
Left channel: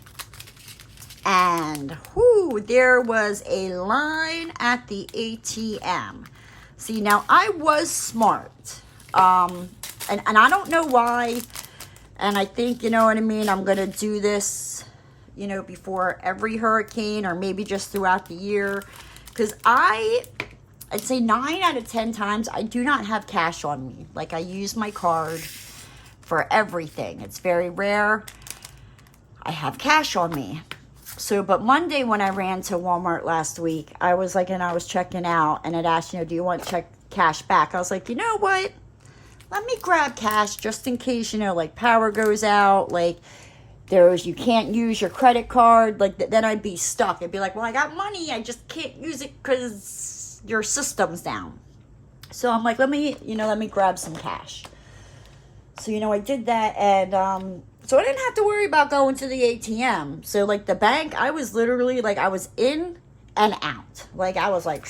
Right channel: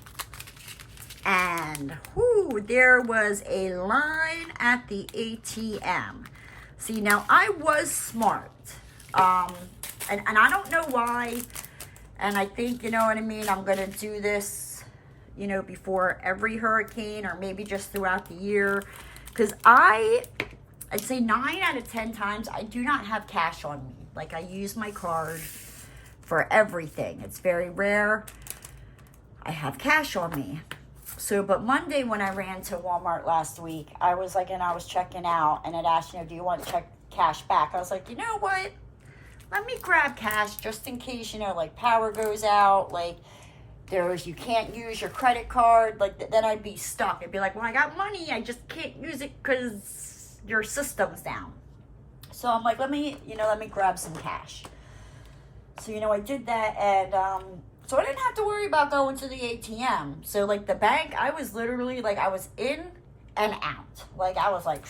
and whoo, there was a line at the ATM. See, now I was smart. And I don't know why. And I think, you know what I mean, I'm going to do this, you know, before every hurricane or maybe just throughout the year. Because I'd say 9 out of 10 times, I do not have cash on me. Like, I use my card for everything. It's very rare I have cash on me. So, but Monday when I ran to Walmart last week, I was like, and I was checking out, and it asked, you know, do you want cash back? I was like, you know what? Let me grab cash just in case, you know, like power goes out, like you can't use your credit card, like then I'd be stuck. I'd be like, well, I got money, I just can't use it because your system's down. So I'm like, let me grab some cash. So, you know, I did that, and so I didn't have to worry about going to the ATM. So like the bank, I was literally like, I was in and out. Like I was like,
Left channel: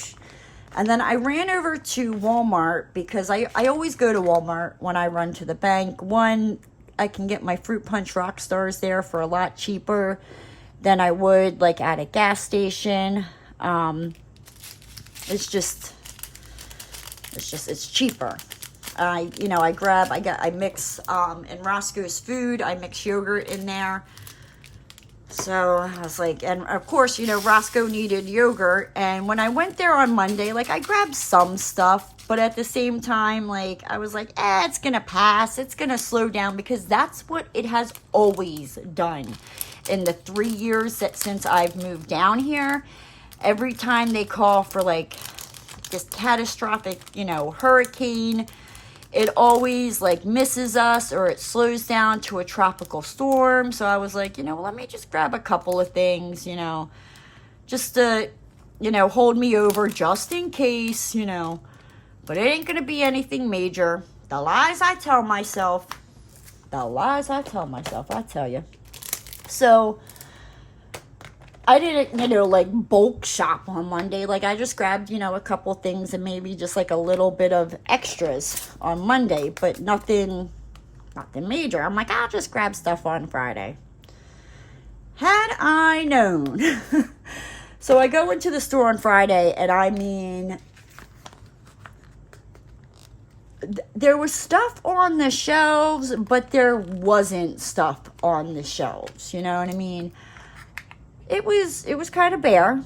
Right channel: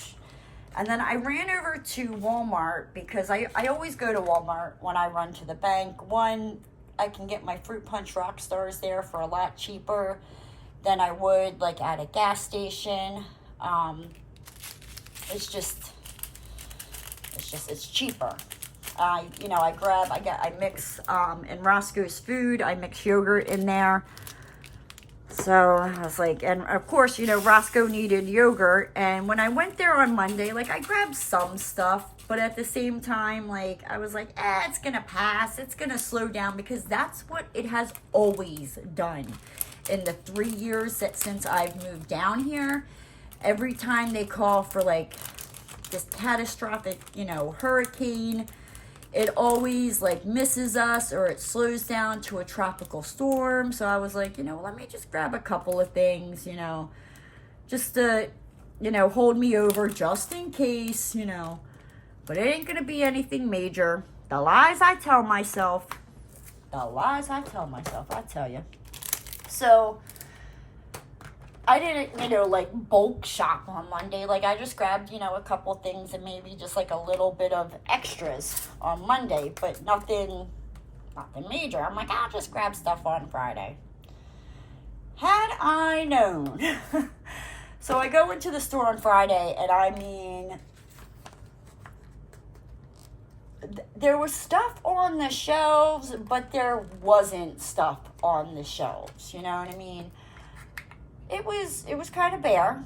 and then I ran over to Walmart because I always go to Walmart when I run to the bank. One, I can get my Fruit Punch Rock Stars there for a lot cheaper than I would like at a gas station. It's cheaper. I mix in Roscoe's Food, I mix yogurt in there. So I was like, and of course, you know, Roscoe needed yogurt. And when I went there on Monday, like I grabbed some stuff, but at the same time, like I was like, it's going to pass. It's going to slow down because that's what it has always done in the 3 years since I've moved down here. Every time they call for like this catastrophic, you know, hurricane, it always like misses us or it slows down to a tropical storm. So I was like, you know, let me just grab a couple of things, you know, just to, you know, hold me over just in case, you know, but it ain't going to be anything major. The lies I tell myself, I tell you. So I didn't, you know, like bulk shop on Monday. Like I just grabbed, you know, a couple things and maybe just like a little bit of extras on Monday, but nothing major. I'm like, I'll just grab stuff on Friday. Had I known. So I go into the store on Friday and I mean, there was stuff on the shelves, but there wasn't stuff on the shelves. You know what I mean? It was kind of bare.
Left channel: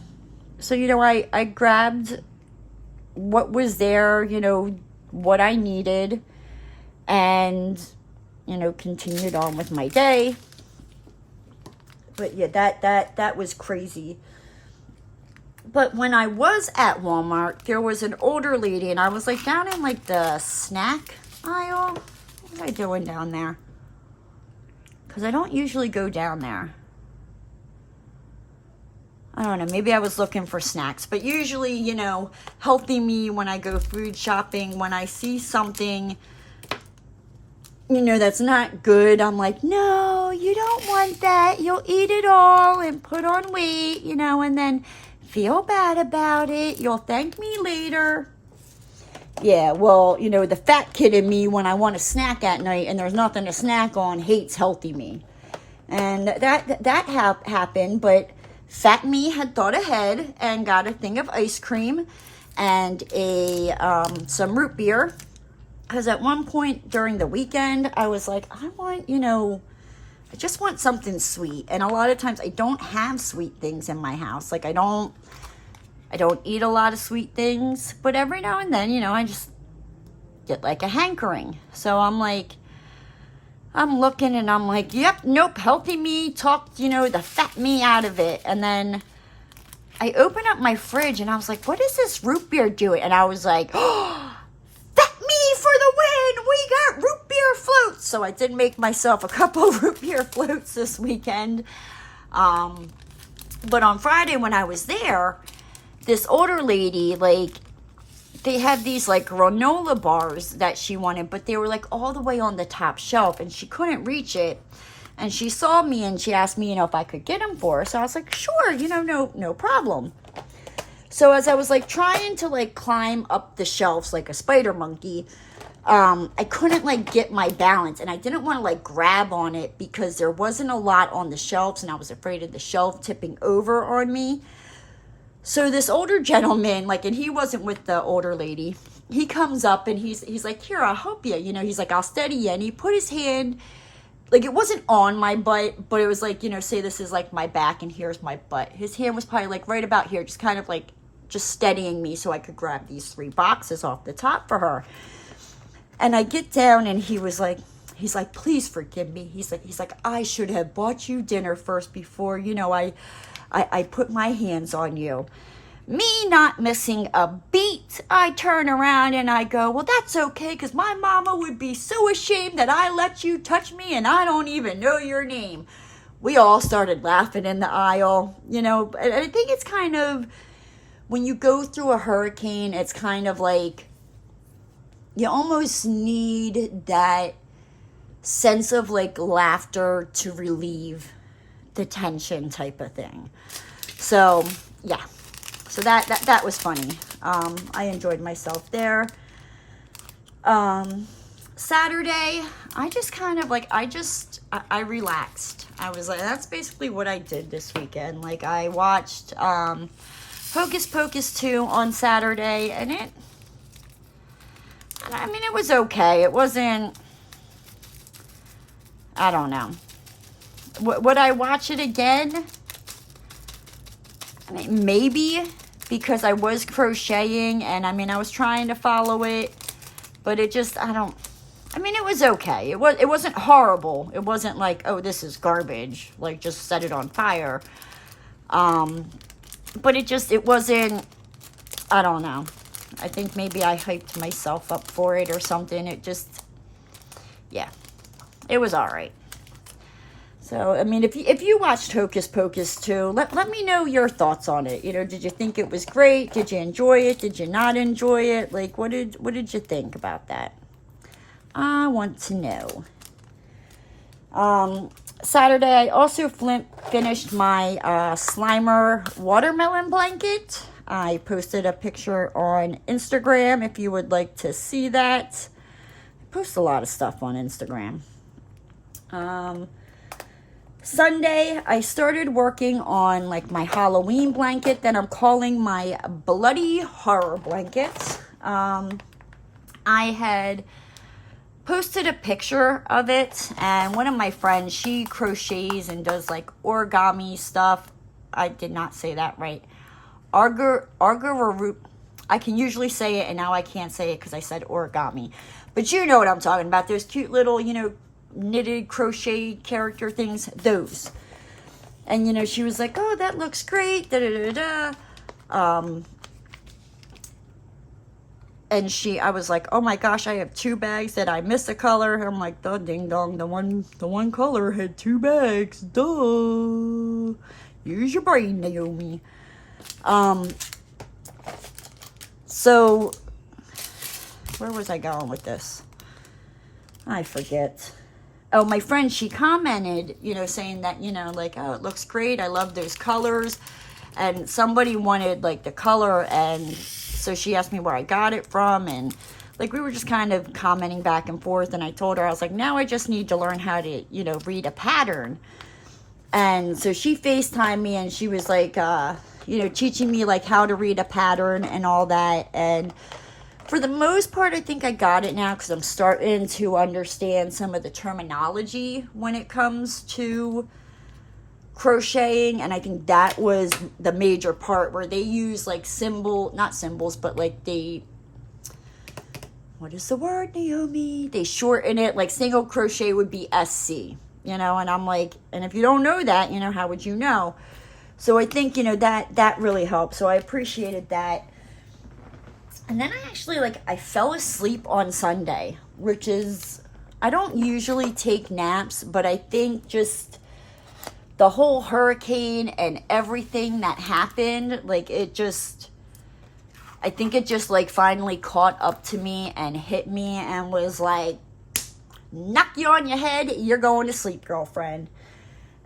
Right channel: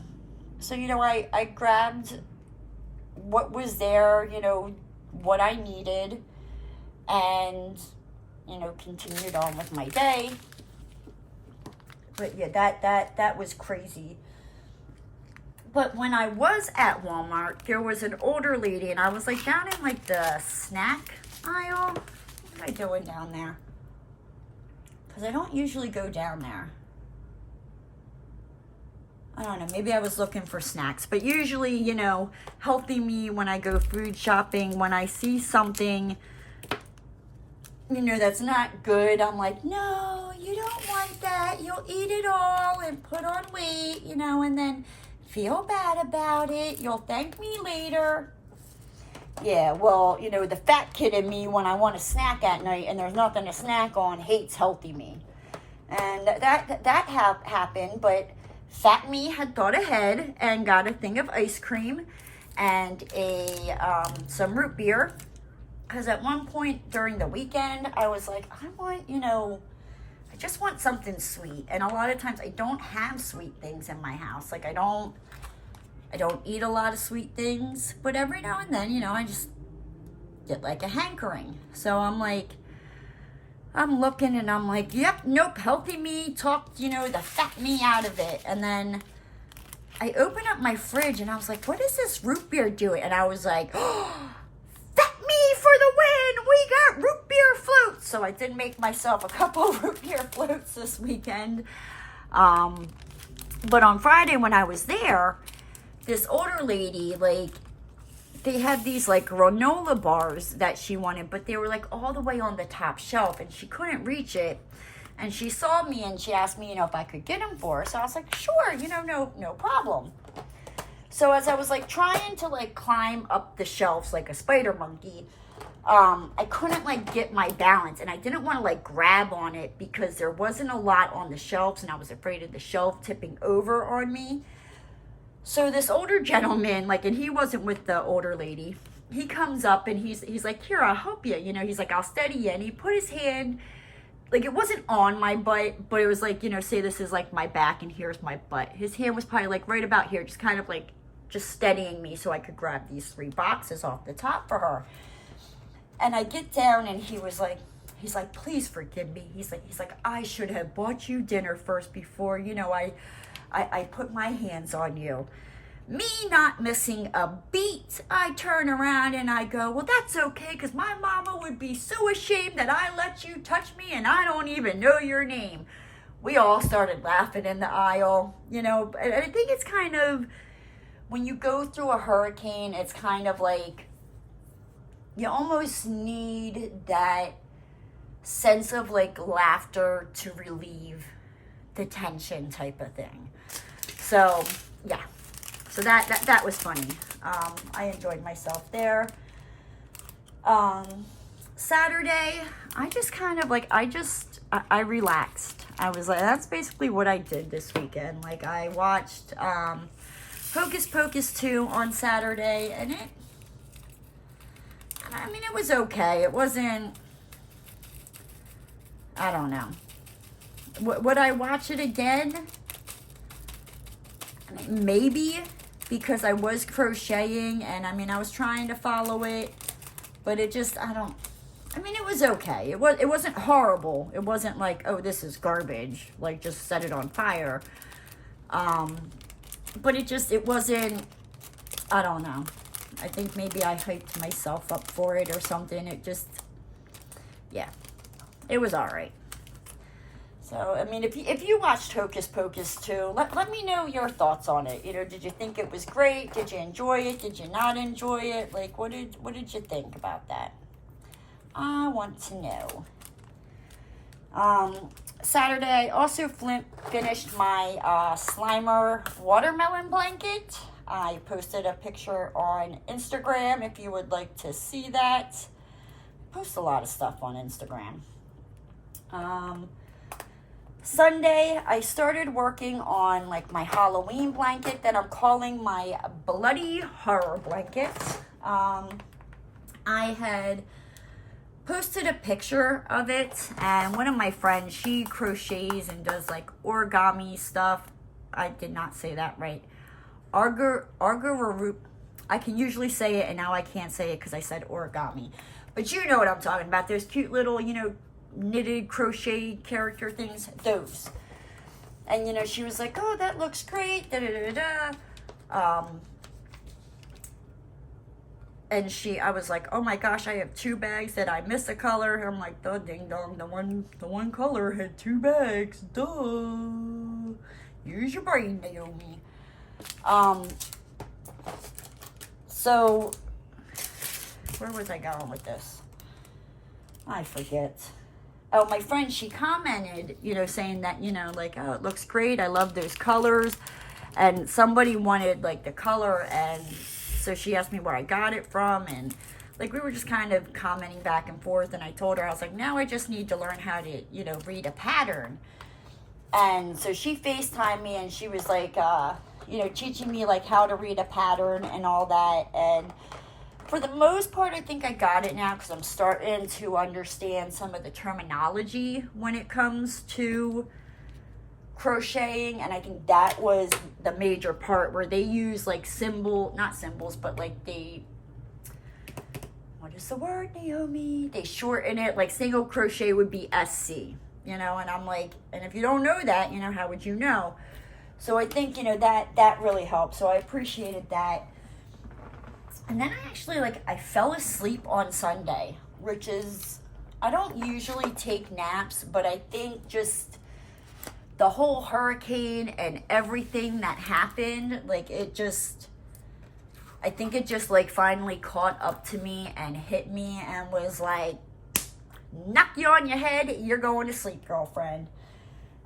So, you know, I grabbed what was there, you know, what I needed, and, you know, continued on with my day. But yeah, that was crazy. But when I was at Walmart, there was an older lady, and I was like down in like the snack aisle. What was I doing down there? Because I don't usually go down there. I don't know, maybe I was looking for snacks. But usually, you know, healthy me when I go food shopping, when I see something, you know, that's not good, I'm like, no, you don't want that. You'll eat it all and put on weight, you know, and then feel bad about it. You'll thank me later. Yeah, well, you know, the fat kid in me, when I want a snack at night and there's nothing to snack on, hates healthy me. And that happened, but fat me had thought ahead and got a thing of ice cream and some root beer. Because at one point during the weekend, I was like, I want, you know, I just want something sweet. And a lot of times I don't have sweet things in my house. Like I don't eat a lot of sweet things, but every now and then, you know, I just get like a hankering. So I'm like, I'm looking and I'm like, yep, nope, healthy me talked, you know, the fat me out of it. And then I open up my fridge and I was like, what is this root beer doing? And I was like, oh, fat me for the win. We got root beer floats. So I did make myself a couple root beer floats this weekend. But on Friday when I was there, this older lady, like, they had these like granola bars that she wanted, but they were like all the way on the top shelf and she couldn't reach it. And she saw me and she asked me, you know, if I could get them for her. So I was like, sure, you know, no problem. So as I was like trying to like climb up the shelves like a spider monkey, I couldn't like get my balance, and I didn't want to like grab on it because there wasn't a lot on the shelves and I was afraid of the shelf tipping over on me. So this older gentleman, like, and he wasn't with the older lady, he comes up and he's like, here, I'll help you. You know, he's like, I'll steady you. And he put his hand, like, it wasn't on my butt, but it was like, you know, say this is like my back and here's my butt. His hand was probably like right about here, just kind of like just steadying me so I could grab these 3 boxes off the top for her. And I get down and he's like, please forgive me. He's like, I should have bought you dinner first before, you know, I put my hands on you. Me not missing a beat, I turn around and I go, well, that's okay, because my mama would be so ashamed that I let you touch me and I don't even know your name. We all started laughing in the aisle, you know. And I think it's kind of, when you go through a hurricane, it's kind of like, you almost need that sense of like laughter to relieve the tension type of thing. So yeah, so that was funny. I enjoyed myself there. Saturday, I just kind of like, I relaxed. I was like, that's basically what I did this weekend. Like, I watched Hocus Pocus 2 on Saturday, and it was okay. It wasn't, I don't know. Would I watch it again? I mean, maybe, because I was crocheting and I was trying to follow it, but it just, it was okay. It wasn't horrible. It wasn't like, oh, this is garbage, like just set it on fire. But it wasn't, I don't know. I think maybe I hyped myself up for it or something. It just, yeah, it was all right. So, I mean, if you watched Hocus Pocus 2, let me know your thoughts on it. You know, did you think it was great? Did you enjoy it? Did you not enjoy it? Like, what did you think about that? I want to know. Saturday, I also finished my Slimer watermelon blanket. I posted a picture on Instagram if you would like to see that. I post a lot of stuff on Instagram. Sunday, I started working on like my Halloween blanket that I'm calling my Bloody Horror blanket. I had posted a picture of it, and one of my friends, she crochets and does like origami stuff. I did not say that right. I can usually say it, and now I can't say it because I said origami. But you know what I'm talking about. Those cute little, you know, knitted crochet character things, those. And, you know, she was like, oh, that looks great, and I was like, oh my gosh, I have 2 bags that I missed a color. I'm like, the ding dong, the one color had 2 bags, duh. Use your brain, Naomi. So where was I going with this? I forget. Oh, my friend, she commented, you know, saying that, you know, like, oh, it looks great. I love those colors. And somebody wanted, like, the color, and so she asked me where I got it from, and, like, we were just kind of commenting back and forth, and I told her, I was like, now I just need to learn how to, you know, read a pattern. And so she FaceTimed me, and she was, like, you know, teaching me, like, how to read a pattern and all that, and for the most part, I think I got it now because I'm starting to understand some of the terminology when it comes to crocheting, and I think that was the major part where they use like not symbols, but like what is the word, Naomi? They shorten it, like single crochet would be SC, you know, and I'm like, and if you don't know that, you know, how would you know? So I think, you know, that really helped. So I appreciated that. And then I actually, like, I fell asleep on Sunday, which is, I don't usually take naps, but I think just the whole hurricane and everything that happened, like, it just, I think it just like finally caught up to me and hit me and was like, knock you on your head, you're going to sleep, girlfriend.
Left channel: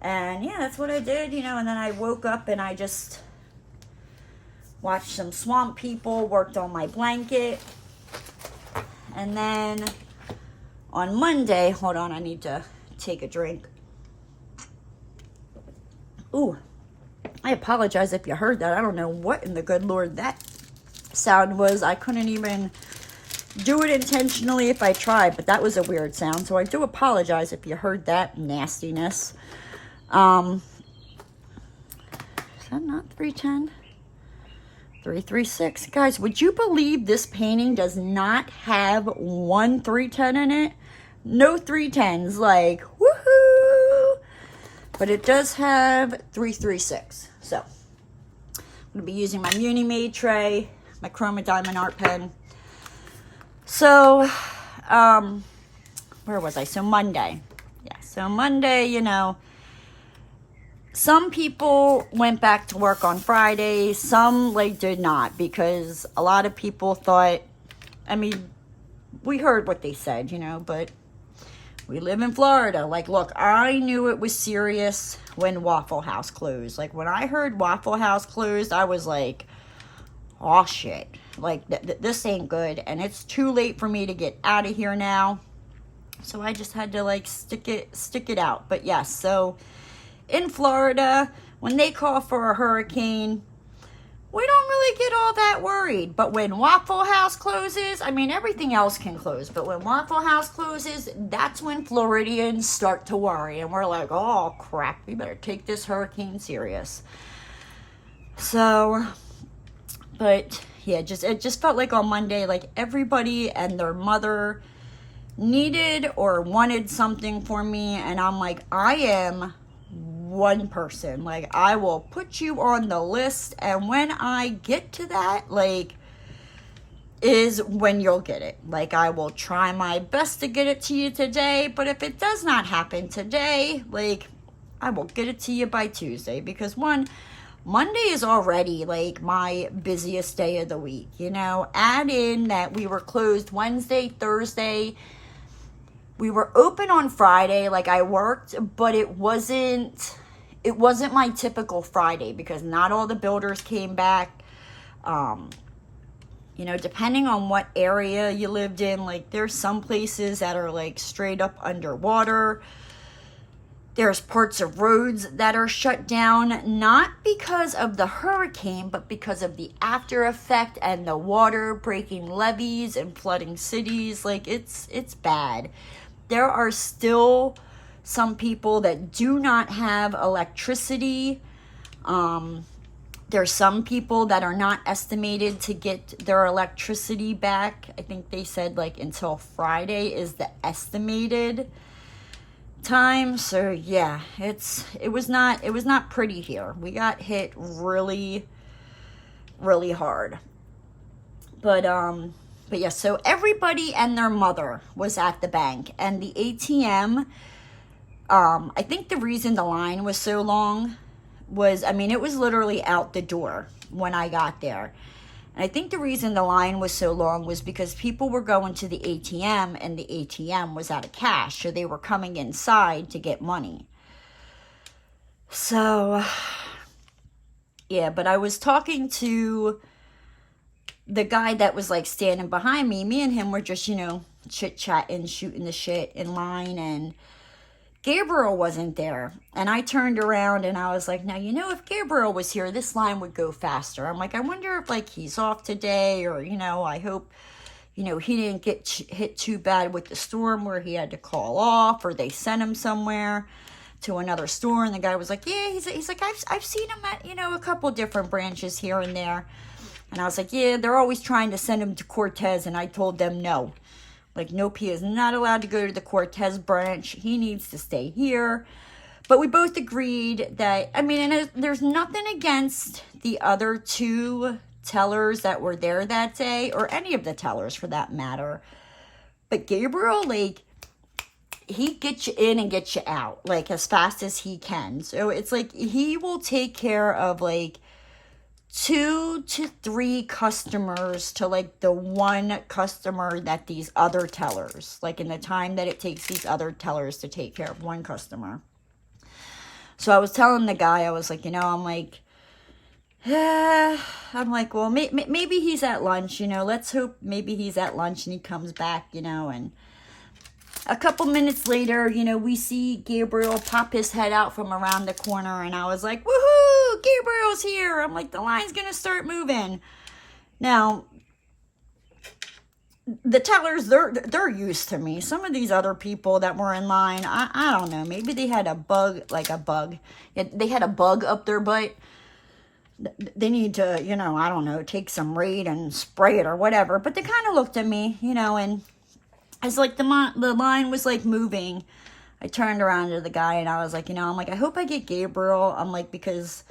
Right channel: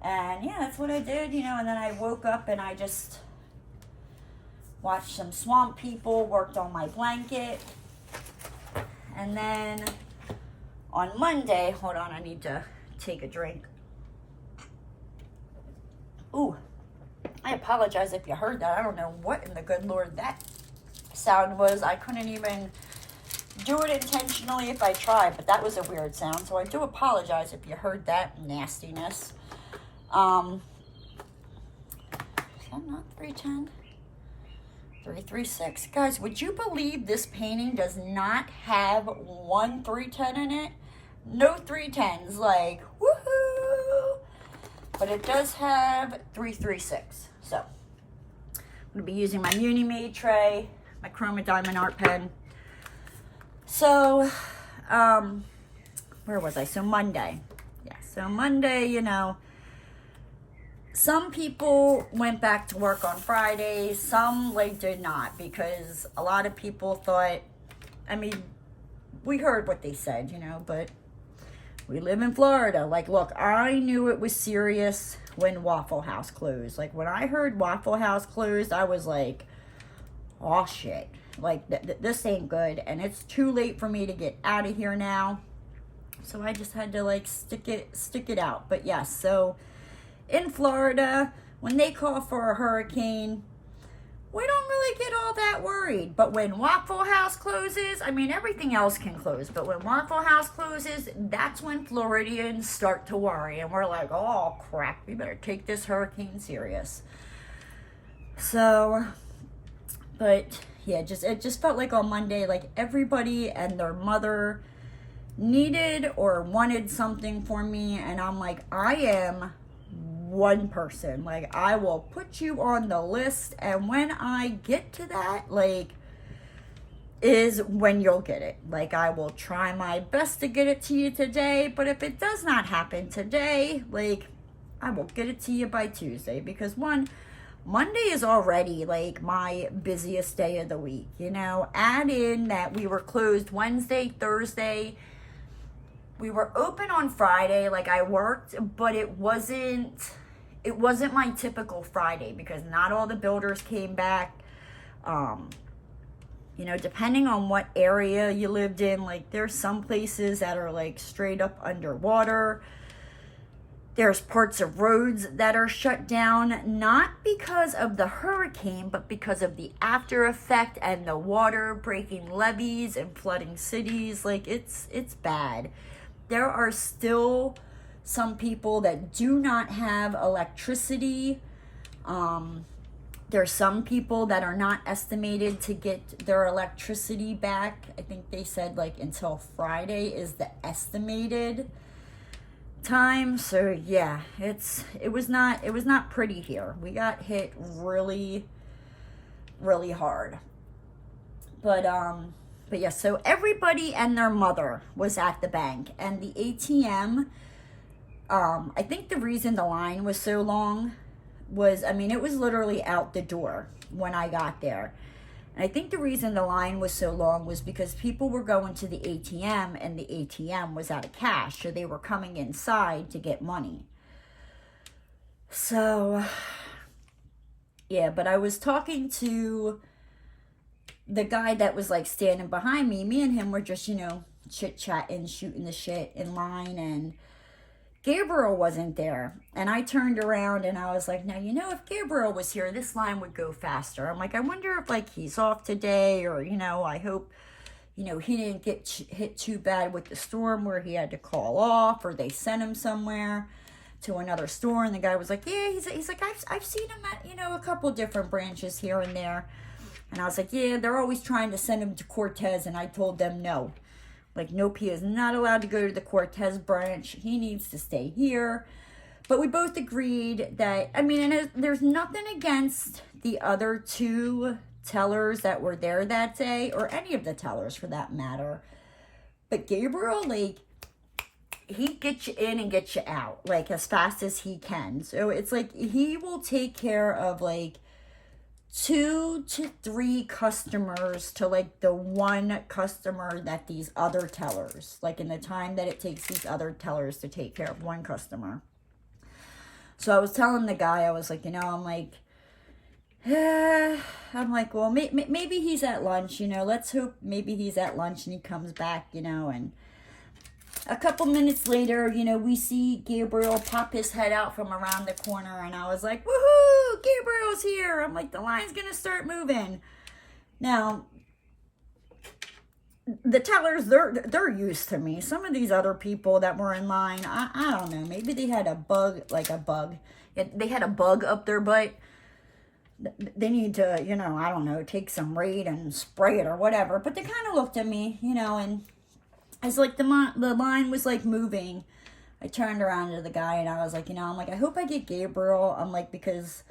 And yeah, that's what I did, you know, and then I woke up and I just watched some Swamp People, worked on my blanket. And then on Monday, hold on, I need to take a drink. Ooh, I apologize if you heard that. I don't know what in the good Lord that sound was. I couldn't even do it intentionally if I tried, but that was a weird sound. So I do apologize if you heard that nastiness. Is that not 310? 336. Guys, would you believe this painting does not have one 310 in it? No 310s, like, woohoo! But it does have 336. So, I'm going to be using my Munimade tray, my Chroma Diamond Art Pen. So, where was I? So, Monday. Yeah, so Monday, you know, some people went back to work on Friday. Some, like, did not, because a lot of people thought, I mean, we heard what they said, you know, but we live in Florida. Like, look, I knew it was serious when Waffle House closed. Like, when I heard Waffle House closed, I was like, oh, shit. Like, this ain't good. And it's too late for me to get out of here now. So I just had to, like, stick it out. But, yes, so in Florida, when they call for a hurricane, we don't really get all that worried. But when Waffle House closes, I mean, everything else can close. But when Waffle House closes, that's when Floridians start to worry. And we're like, oh, crap, we better take this hurricane serious. So, but, yeah, it just felt like on Monday, like everybody and their mother needed or wanted something for me. And I'm like, I am one person. Like, I will put you on the list, and when I get to that, like, is when you'll get it. Like, I will try my best to get it to you today, but if it does not happen today, like, I will get it to you by Tuesday, because Monday is already, like, my busiest day of the week, you know. Add in that we were closed Wednesday, Thursday. We were open on Friday, like, I worked, but it wasn't my typical Friday, because not all the builders came back. You know, depending on what area you lived in, like, there's some places that are, like, straight up underwater. There's parts of roads that are shut down, not because of the hurricane, but because of the after effect and the water breaking levees and flooding cities. Like, it's bad. There are still some people that do not have electricity. There's some people that are not estimated to get their electricity back. I think they said, like, until Friday is the estimated time. So yeah, it was not pretty here. We got hit really, really hard. But yeah, so everybody and their mother was at the bank, and the ATM, I think the reason the line was so long was, I mean, it was literally out the door when I got there. And I think the reason the line was so long was because people were going to the ATM, and the ATM was out of cash, so they were coming inside to get money. So, yeah, but I was talking to the guy that was, like, standing behind me. Me and him were just, you know, chit-chatting, shooting the shit in line, and Gabriel wasn't there. And I turned around and I was like, now, you know, if Gabriel was here, this line would go faster. I'm like, I wonder if, like, he's off today, or, you know, I hope, you know, he didn't get hit too bad with the storm where he had to call off, or they sent him somewhere to another store. And the guy was like, yeah, he's like, I've seen him at, you know, a couple different branches here and there. And I was like, yeah, they're always trying to send him to Cortez. And I told them no. Like, nope, he is not allowed to go to the Cortez branch. He needs to stay here. But we both agreed that, I mean, and there's nothing against the other two tellers that were there that day, or any of the tellers for that matter. But Gabriel, like, he gets you in and gets you out, like, as fast as he can. So it's like, he will take care of, like, 2 to 3 customers to like the one customer that these other tellers, like in the time that it takes these other tellers to take care of one customer. So I was telling the guy, I was like, I'm like, well, maybe he's at lunch, let's hope maybe he's at lunch and he comes back, and a couple minutes later, we see Gabriel pop his head out from around the corner, and I was like, woohoo, Gabriel's here. I'm like, the line's going to start moving. Now, the tellers, they're used to me. Some of these other people that were in line, I don't know, maybe they had a bug. They had a bug up their butt. They need to, I don't know, take some Raid and spray it or whatever. But they kind of looked at me, and as like the line was like moving, I turned around to the guy and I was like, I'm like, I hope I get Gabriel. I'm like, because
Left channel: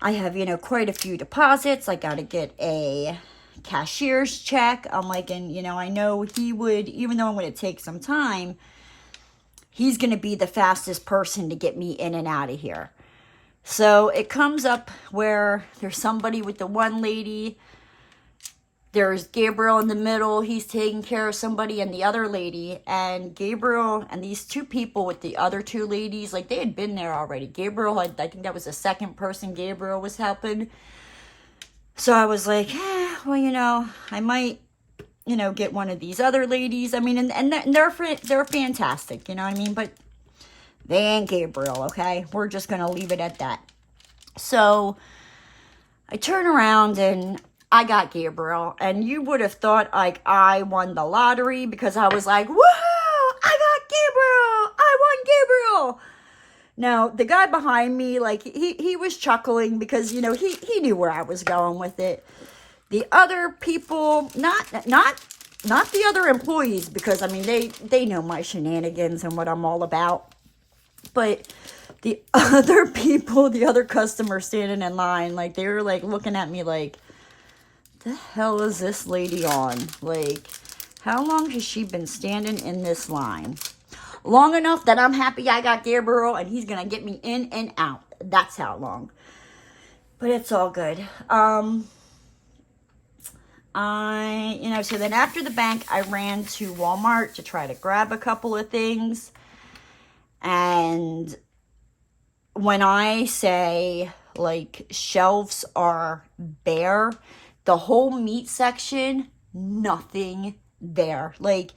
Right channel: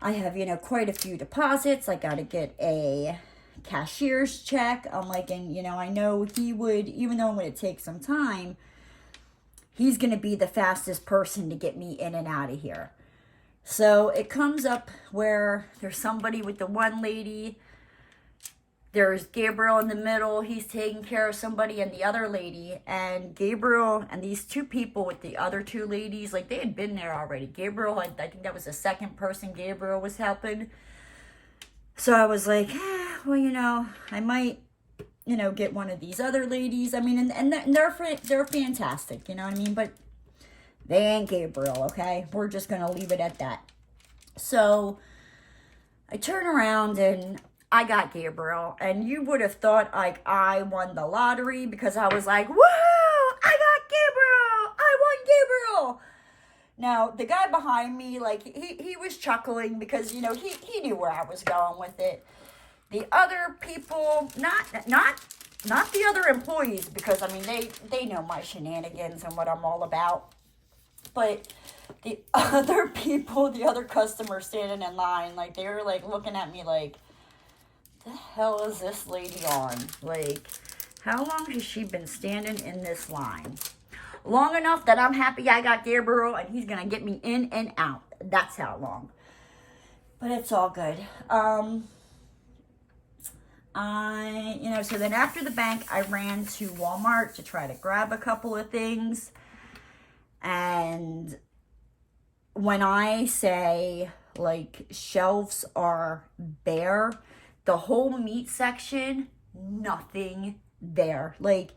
I have, quite a few deposits. I got to get a cashier's check. I'm like, and, I know he would, even though I'm going to take some time, he's going to be the fastest person to get me in and out of here. So it comes up where there's somebody with the one lady. There's Gabriel in the middle. He's taking care of somebody and the other lady. And Gabriel and these 2 people with the other 2 ladies, like they had been there already. Gabriel, I think that was the second person Gabriel was helping. So I was like, well, I might, get one of these other ladies. I mean, and they're fantastic, you know what I mean? But they ain't Gabriel, okay? We're just going to leave it at that. So I turn around and I got Gabriel, and you would have thought like I won the lottery because I was like, woo, I got Gabriel, I won Gabriel. Now, the guy behind me, like he was chuckling because, he knew where I was going with it. The other people, not the other employees, because I mean, they know my shenanigans and what I'm all about. But the other people, the other customers standing in line, like they were like looking at me like, the hell is this lady on? Like, how long has she been standing in this line? Long enough that I'm happy I got Gabriel and he's gonna get me in and out. That's how long. But it's all good. So then after the bank, I ran to Walmart to try to grab a couple of things. And when I say like shelves are bare, the whole meat section, nothing there. Like,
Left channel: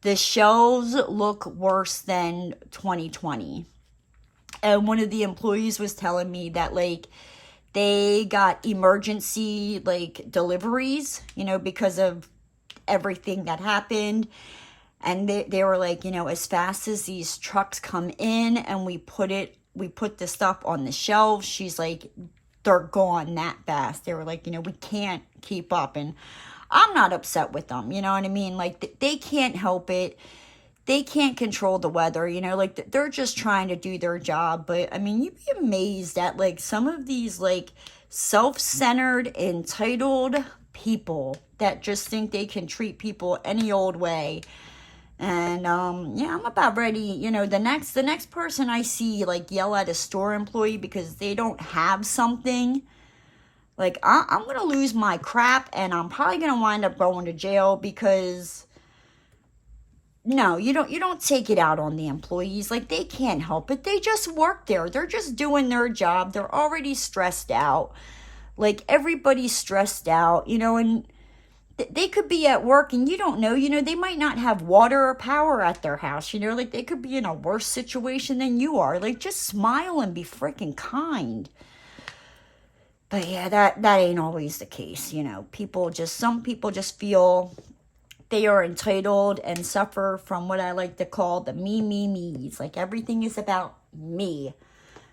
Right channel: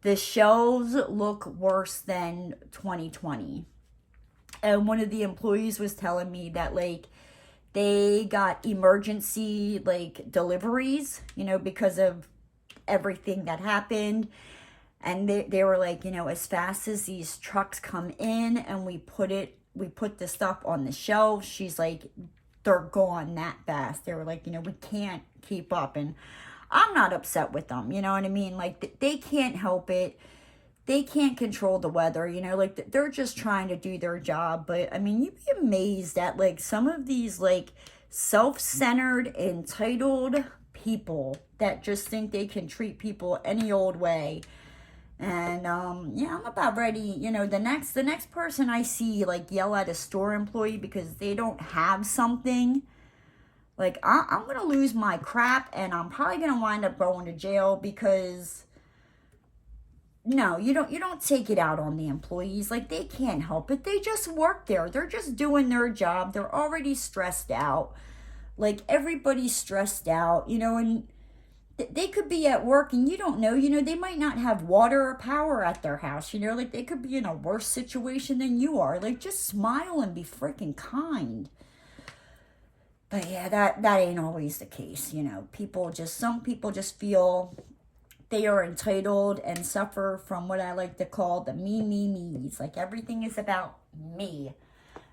the shelves look worse than 2020. And one of the employees was telling me that, like, they got emergency, like, deliveries, because of everything that happened. And they were like, as fast as these trucks come in and we put the stuff on the shelves, she's like, they're gone that fast. They were like, we can't keep up. And I'm not upset with them, you know what I mean? Like, they can't help it. They can't control the weather, like, they're just trying to do their job. But, I mean, you'd be amazed at, like, some of these, like, self-centered, entitled people that just think they can treat people any old way. And, I'm about ready, the next person I see, like, yell at a store employee because they don't have something, like, I'm going to lose my crap, and I'm probably going to wind up going to jail because, no, you don't take it out on the employees. Like, they can't help it. They just work there. They're just doing their job. They're already stressed out. Like, everybody's stressed out, and they could be at work and you don't know, they might not have water or power at their house, like they could be in a worse situation than you are. Like, just smile and be freaking kind. But yeah, that ain't always the case, some people just feel they are entitled and suffer from what I like to call the me's. Like, everything is about me.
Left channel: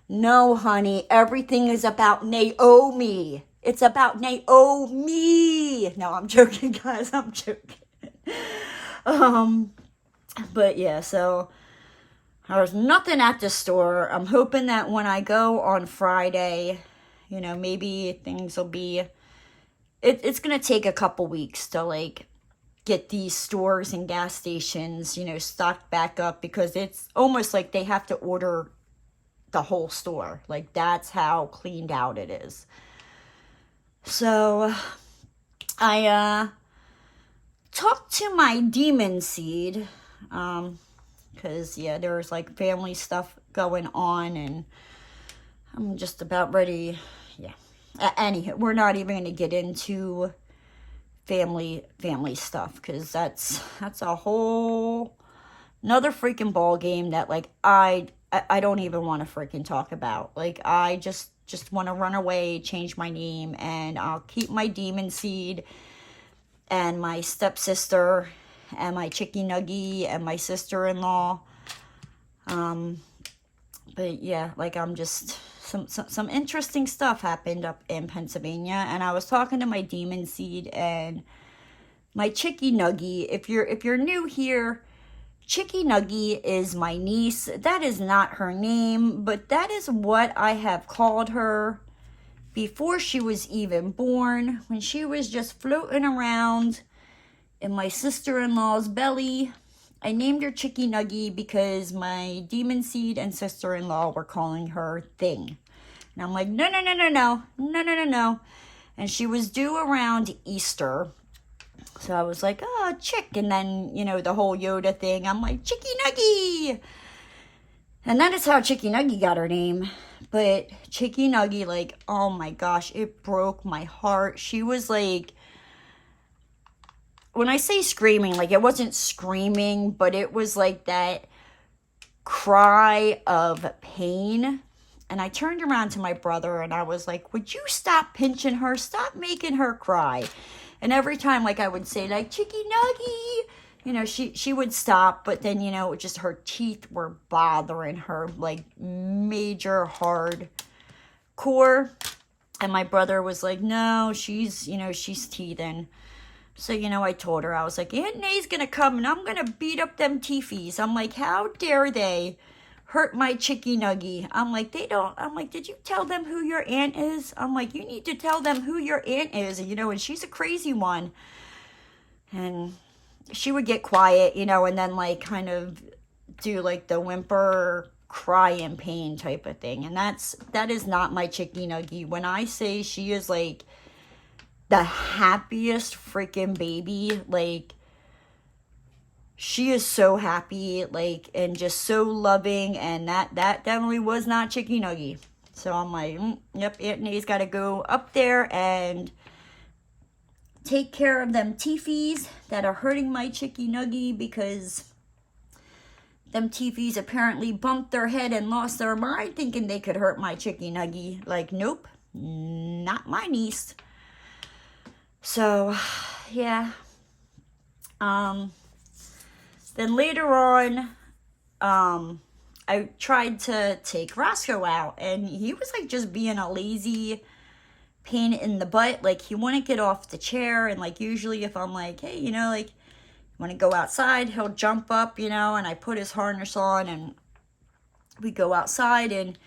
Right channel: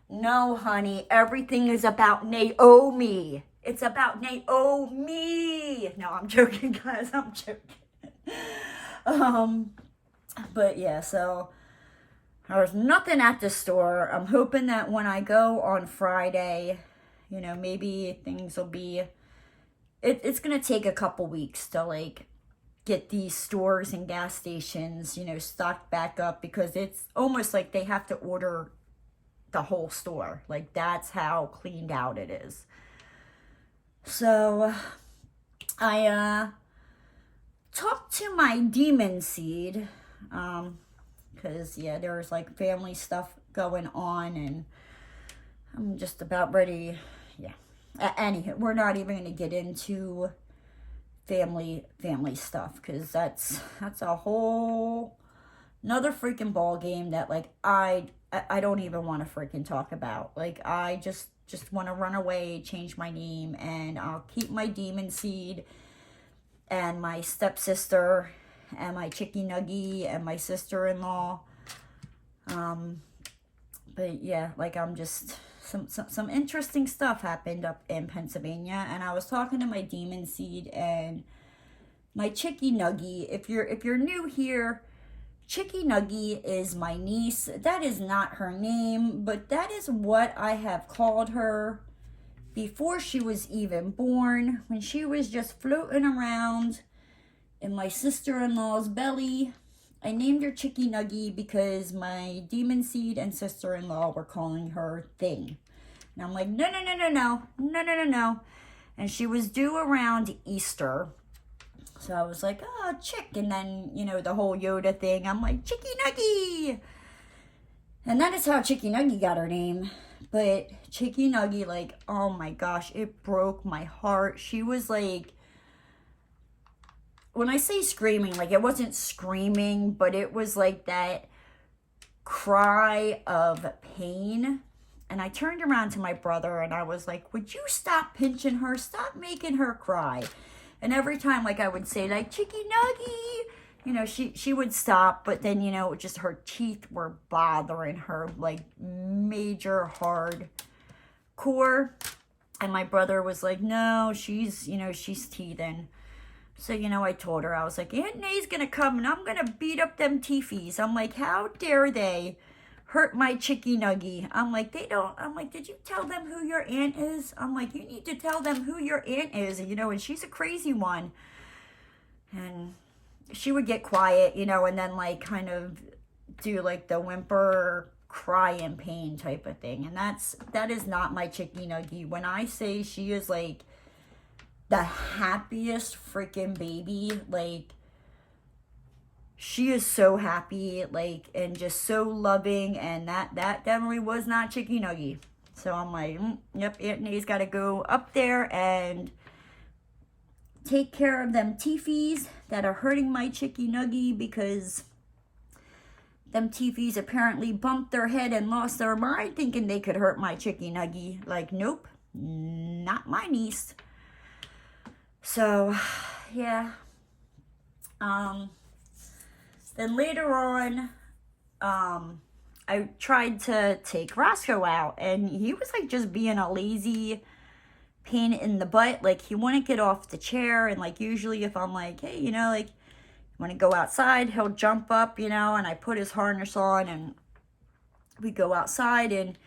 No, honey, everything is about Naomi. It's about Naomi. No, I'm joking, guys. I'm joking. But yeah, so there's nothing at the store. I'm hoping that when I go on Friday, maybe things will be... It's going to take a couple weeks to, like, get these stores and gas stations, stocked back up, because it's almost like they have to order the whole store. Like, that's how cleaned out it is. So I talked to my demon seed, because yeah, there's like family stuff going on, and I'm just about ready. Yeah. Anywho, we're not even going to get into family stuff, because that's a whole another freaking ball game that like I don't even want to freaking talk about. Like, I just want to run away, change my name, and I'll keep my demon seed and my stepsister and my chicky nuggy and my sister-in-law. But yeah, like, I'm just some interesting stuff happened up in Pennsylvania, and I was talking to my demon seed and my chicky nuggy. If you're new here, Chicky Nuggy is my niece. That is not her name, but that is what I have called her before she was even born, when she was just floating around in my sister-in-law's belly. I named her Chicky Nuggy because my demon seed and sister-in-law were calling her Thing. And I'm like, no. And she was due around Easter. So I was like, oh, chick. And then, the whole Yoda thing. I'm like, Chicky Nuggy. And that is how Chicky Nuggy got her name. But Chicky Nuggy, like, oh my gosh, it broke my heart. She was like, when I say screaming, like, it wasn't screaming, but it was like that cry of pain. And I turned around to my brother and I was like, would you stop pinching her? Stop making her cry. And every time, like, I would say, like, Chicky Nuggy, she would stop. But then, just her teeth were bothering her, like, major hard core. And my brother was like, no, she's teething. So, I told her, I was like, Aunt Nay's going to come and I'm going to beat up them teefies. I'm like, how dare they hurt my Chicky Nuggy? I'm like, did you tell them who your aunt is? I'm like, you need to tell them who your aunt is, and she's a crazy one. And she would get quiet, and then, like, kind of do, like, the whimper, cry in pain type of thing. And that is not my Chicky Nuggy. When I say she is, like, the happiest freaking baby, like, she is so happy, like, and just so loving, and that definitely was not Chicky Nuggy. So I'm like, yep, Aunt Nay's got to go up there and take care of them teefies that are hurting my Chicky Nuggy, because them teefies apparently bumped their head and lost their mind thinking they could hurt my Chicky Nuggy. Like, nope, not my niece. So, yeah. Then later on, I tried to take Roscoe out, and he was, like, just being a lazy pain in the butt. Like, he wouldn't get off the chair, and, like, usually if I'm like, hey, like, you want to go outside, he'll jump up, and I put his harness on, and we go outside, and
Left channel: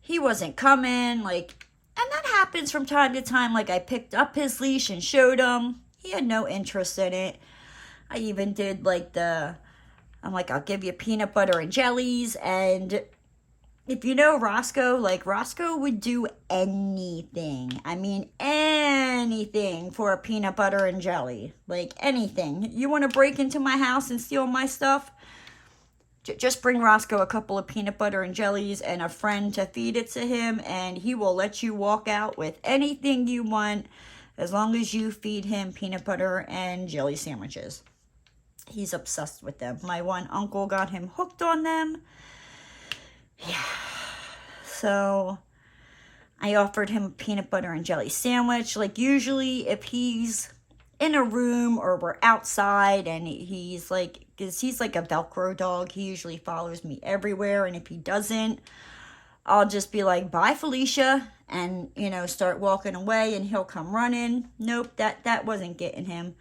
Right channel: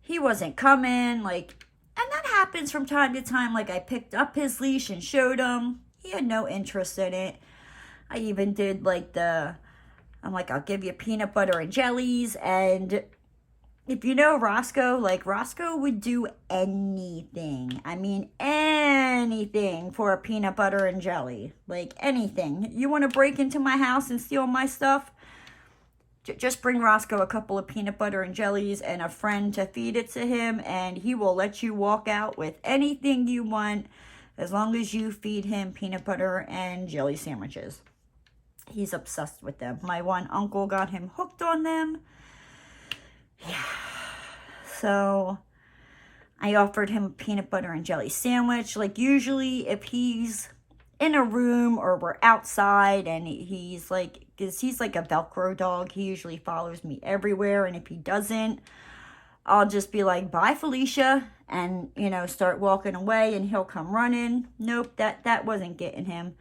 he wasn't coming, like, and that happens from time to time. Like, I picked up his leash and showed him. He had no interest in it. I even did, like, I'm like, I'll give you peanut butter and jellies. And if you know Roscoe, like, Roscoe would do anything. I mean, anything for a peanut butter and jelly. Like, anything. You want to break into my house and steal my stuff? Just bring Roscoe a couple of peanut butter and jellies and a friend to feed it to him, and he will let you walk out with anything you want, as long as you feed him peanut butter and jelly sandwiches. He's obsessed with them. My one uncle got him hooked on them. Yeah. So I offered him a peanut butter and jelly sandwich. Like, usually if he's in a room or we're outside and he's like, because he's like a Velcro dog, he usually follows me everywhere. And if he doesn't, I'll just be like, bye, Felicia, and, start walking away, and he'll come running. Nope, that wasn't getting him.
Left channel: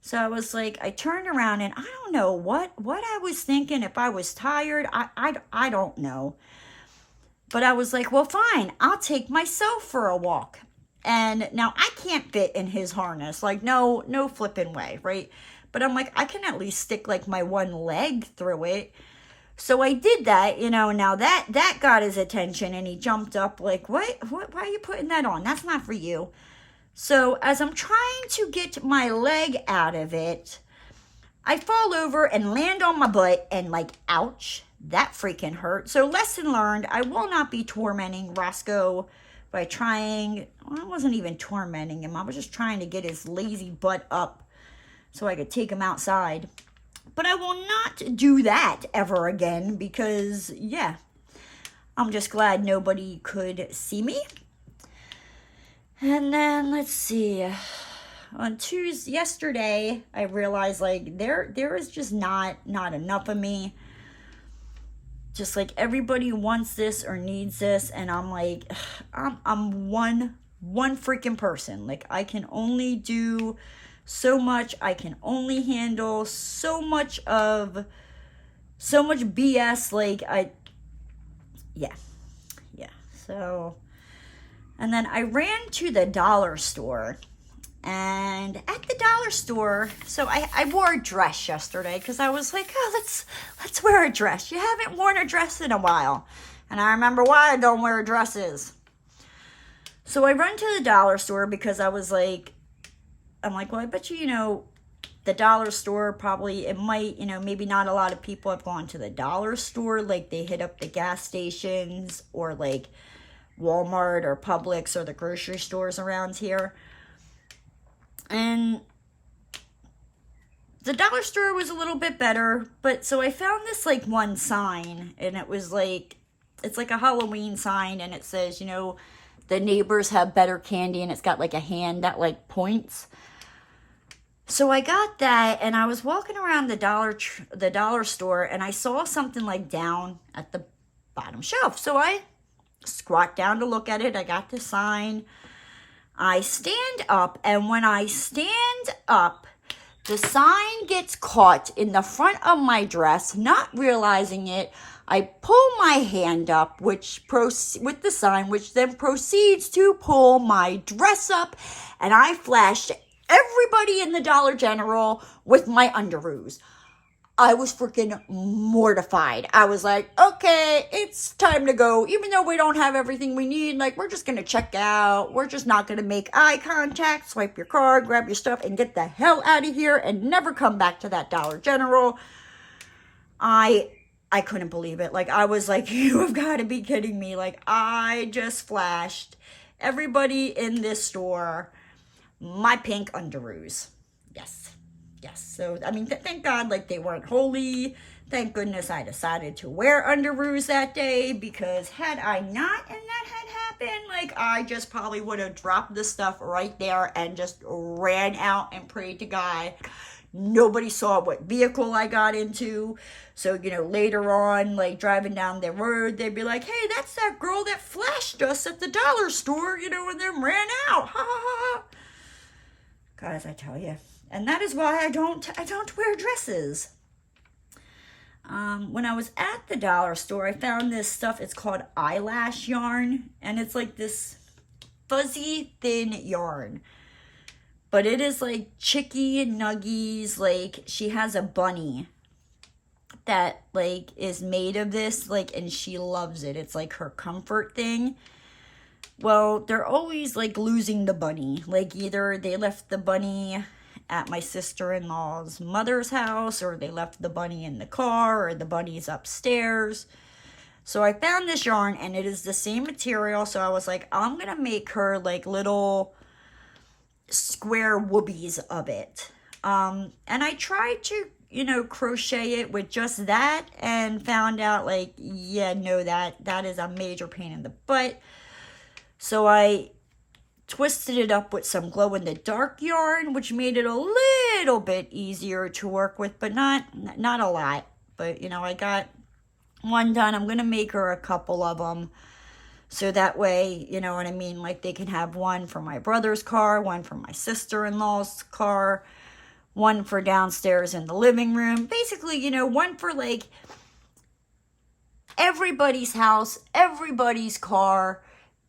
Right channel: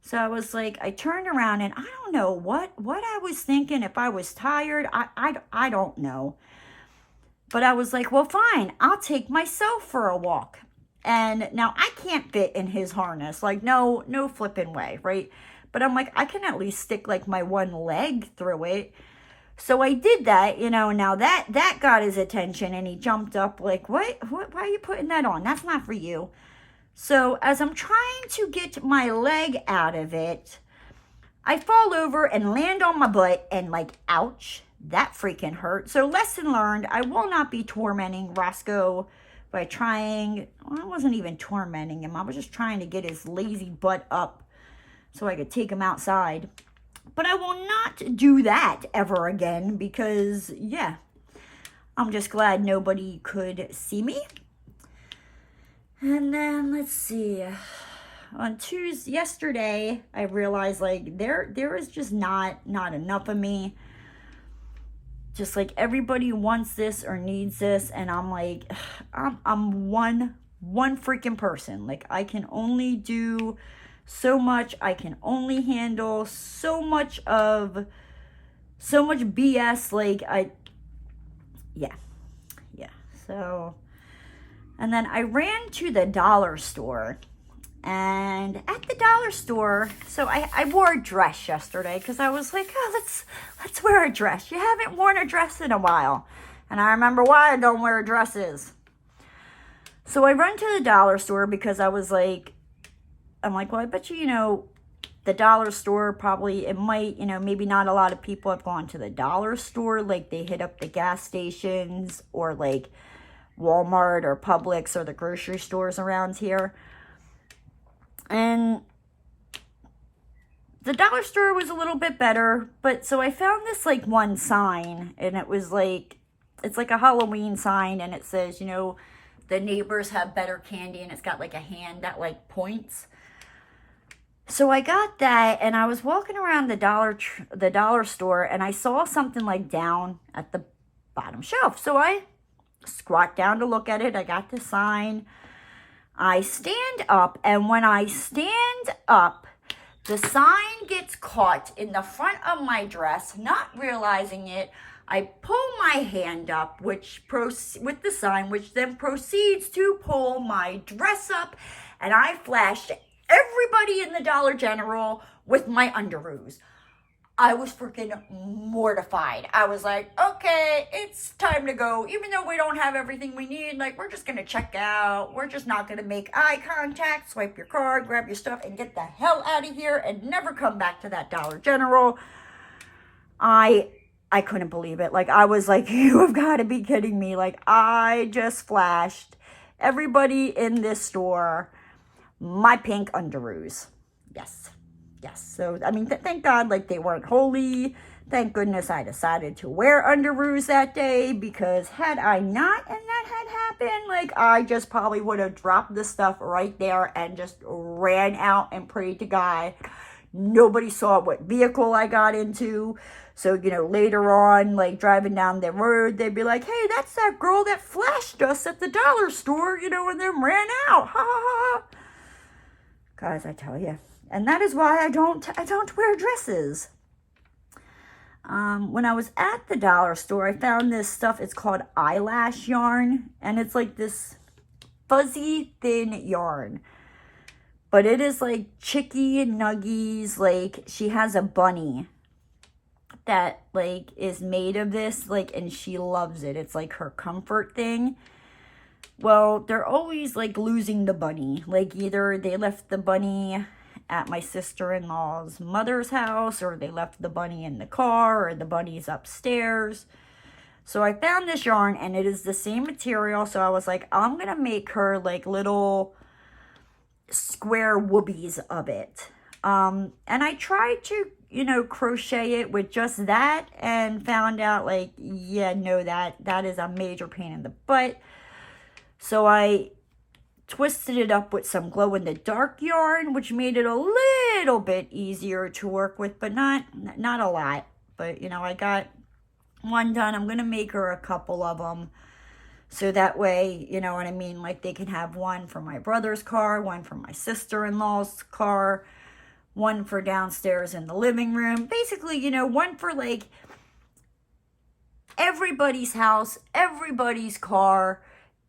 So I was like, I turned around, and I don't know what I was thinking. If I was tired, I don't know. But I was like, well, fine, I'll take myself for a walk. And now I can't fit in his harness, like, no flipping way, right? But I'm like, I can at least stick, like, my one leg through it. So I did that, now that got his attention, and he jumped up like, what, why are you putting that on? That's not for you. So as I'm trying to get my leg out of it, I fall over and land on my butt and like, ouch, that freaking hurt. So lesson learned, I will not be tormenting Roscoe by trying, well, I wasn't even tormenting him. I was just trying to get his lazy butt up so I could take him outside. But I will not do that ever again because, yeah, I'm just glad nobody could see me. And then, let's see, on Tuesday, yesterday, I realized, like, there is just not enough of me. Just, like, everybody wants this or needs this, and I'm like, I'm one freaking person. Like, I can only do so much. I can only handle so much BS, like, yeah, so... And then I ran to the dollar store, and at the dollar store, so I wore a dress yesterday because I was like, oh, let's wear a dress. You haven't worn a dress in a while. And I remember why I don't wear dresses. So I run to the dollar store because I was like, I'm like, well, I bet you, the dollar store probably, it might, maybe not a lot of people have gone to the dollar store. Like they hit up the gas stations or like Walmart or Publix or the grocery stores around here. And the dollar store was a little bit better, but so I found this like one sign, and it was like, it's like a Halloween sign, and it says, the neighbors have better candy, and it's got like a hand that like points. So I got that, and I was walking around the dollar store, and I saw something like down at the bottom shelf. So I squat down to look at it. I got the sign. I stand up, and when I stand up, the sign gets caught in the front of my dress. Not realizing it, I pull my hand up, with the sign, which then proceeds to pull my dress up, and I flashed everybody in the Dollar General with my underoos. I was freaking mortified. I was like, okay, it's time to go. Even though we don't have everything we need, like, we're just going to check out. We're just not going to make eye contact, swipe your card, grab your stuff, and get the hell out of here and never come back to that Dollar General. I couldn't believe it. Like, I was like, you have got to be kidding me. Like, I just flashed everybody in this store my pink underoos. Yes. So, I mean, thank God, like, they weren't holy. Thank goodness I decided to wear underoos that day, because had I not and that had happened, like, I just probably would have dropped the stuff right there and just ran out and prayed to God. Nobody saw what vehicle I got into. So, later on, like, driving down the road, they'd be like, hey, that's that girl that flashed us at the dollar store, and then ran out. Ha, ha, ha. Guys, I tell you. And that is why I don't wear dresses. When I was at the dollar store, I found this stuff. It's called eyelash yarn. And it's like this fuzzy, thin yarn. But it is like Chicky and Nuggies. Like, she has a bunny that, like, is made of this. Like, and she loves it. It's like her comfort thing. Well, they're always, like, losing the bunny. Like, either they left the bunny at my sister-in-law's mother's house, or they left the bunny in the car, or the bunny's upstairs. So I found this yarn, and it is the same material. So I was like, I'm going to make her, like, little square woobies of it. And I tried to, crochet it with just that, and found out, like, yeah, no, that is a major pain in the butt. So I twisted it up with some glow-in-the-dark yarn, which made it a little bit easier to work with, but not a lot. But, I got one done. I'm going to make her a couple of them, so that way, you know what I mean, like, they can have one for my brother's car, one for my sister-in-law's car, one for downstairs in the living room. Basically, one for, like, everybody's house, everybody's car,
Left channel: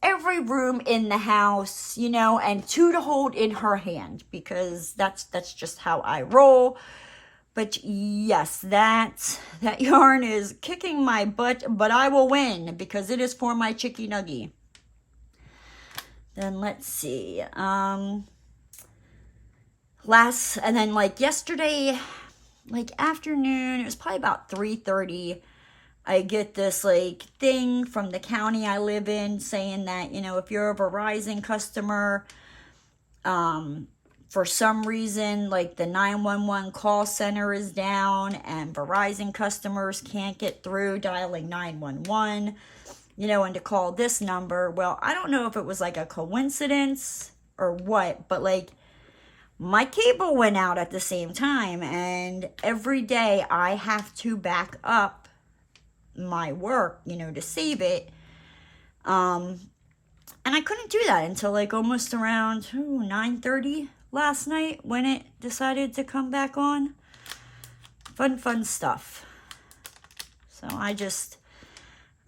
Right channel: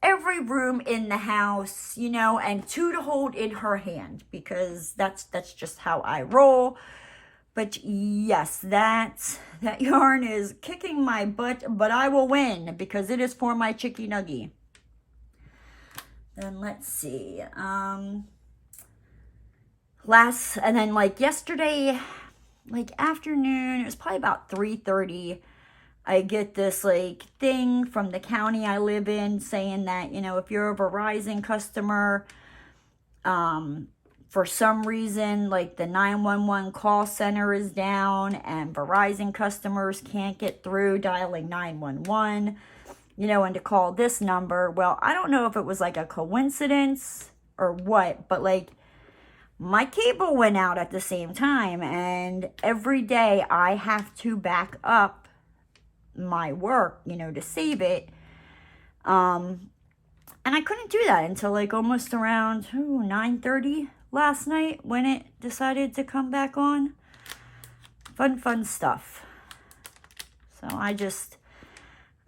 every room in the house, and two to hold in her hand, because that's just how I roll. But yes, that yarn is kicking my butt, but I will win, because it is for my Chicky Nuggie. Then let's see. And then like yesterday, like afternoon, it was probably about 3:30. I get this like thing from the county I live in saying that, you know, if you're a Verizon customer, for some reason, like the 911 call center is down and Verizon customers can't get through dialing 911, you know, and to call this number. Well, I don't know if it was like a coincidence or what, but like my cable went out at the same time, and every day I have to back up my work, you know, to save it. And I couldn't do that until like almost around 9:30 last night when it decided to come back on. Fun stuff. So I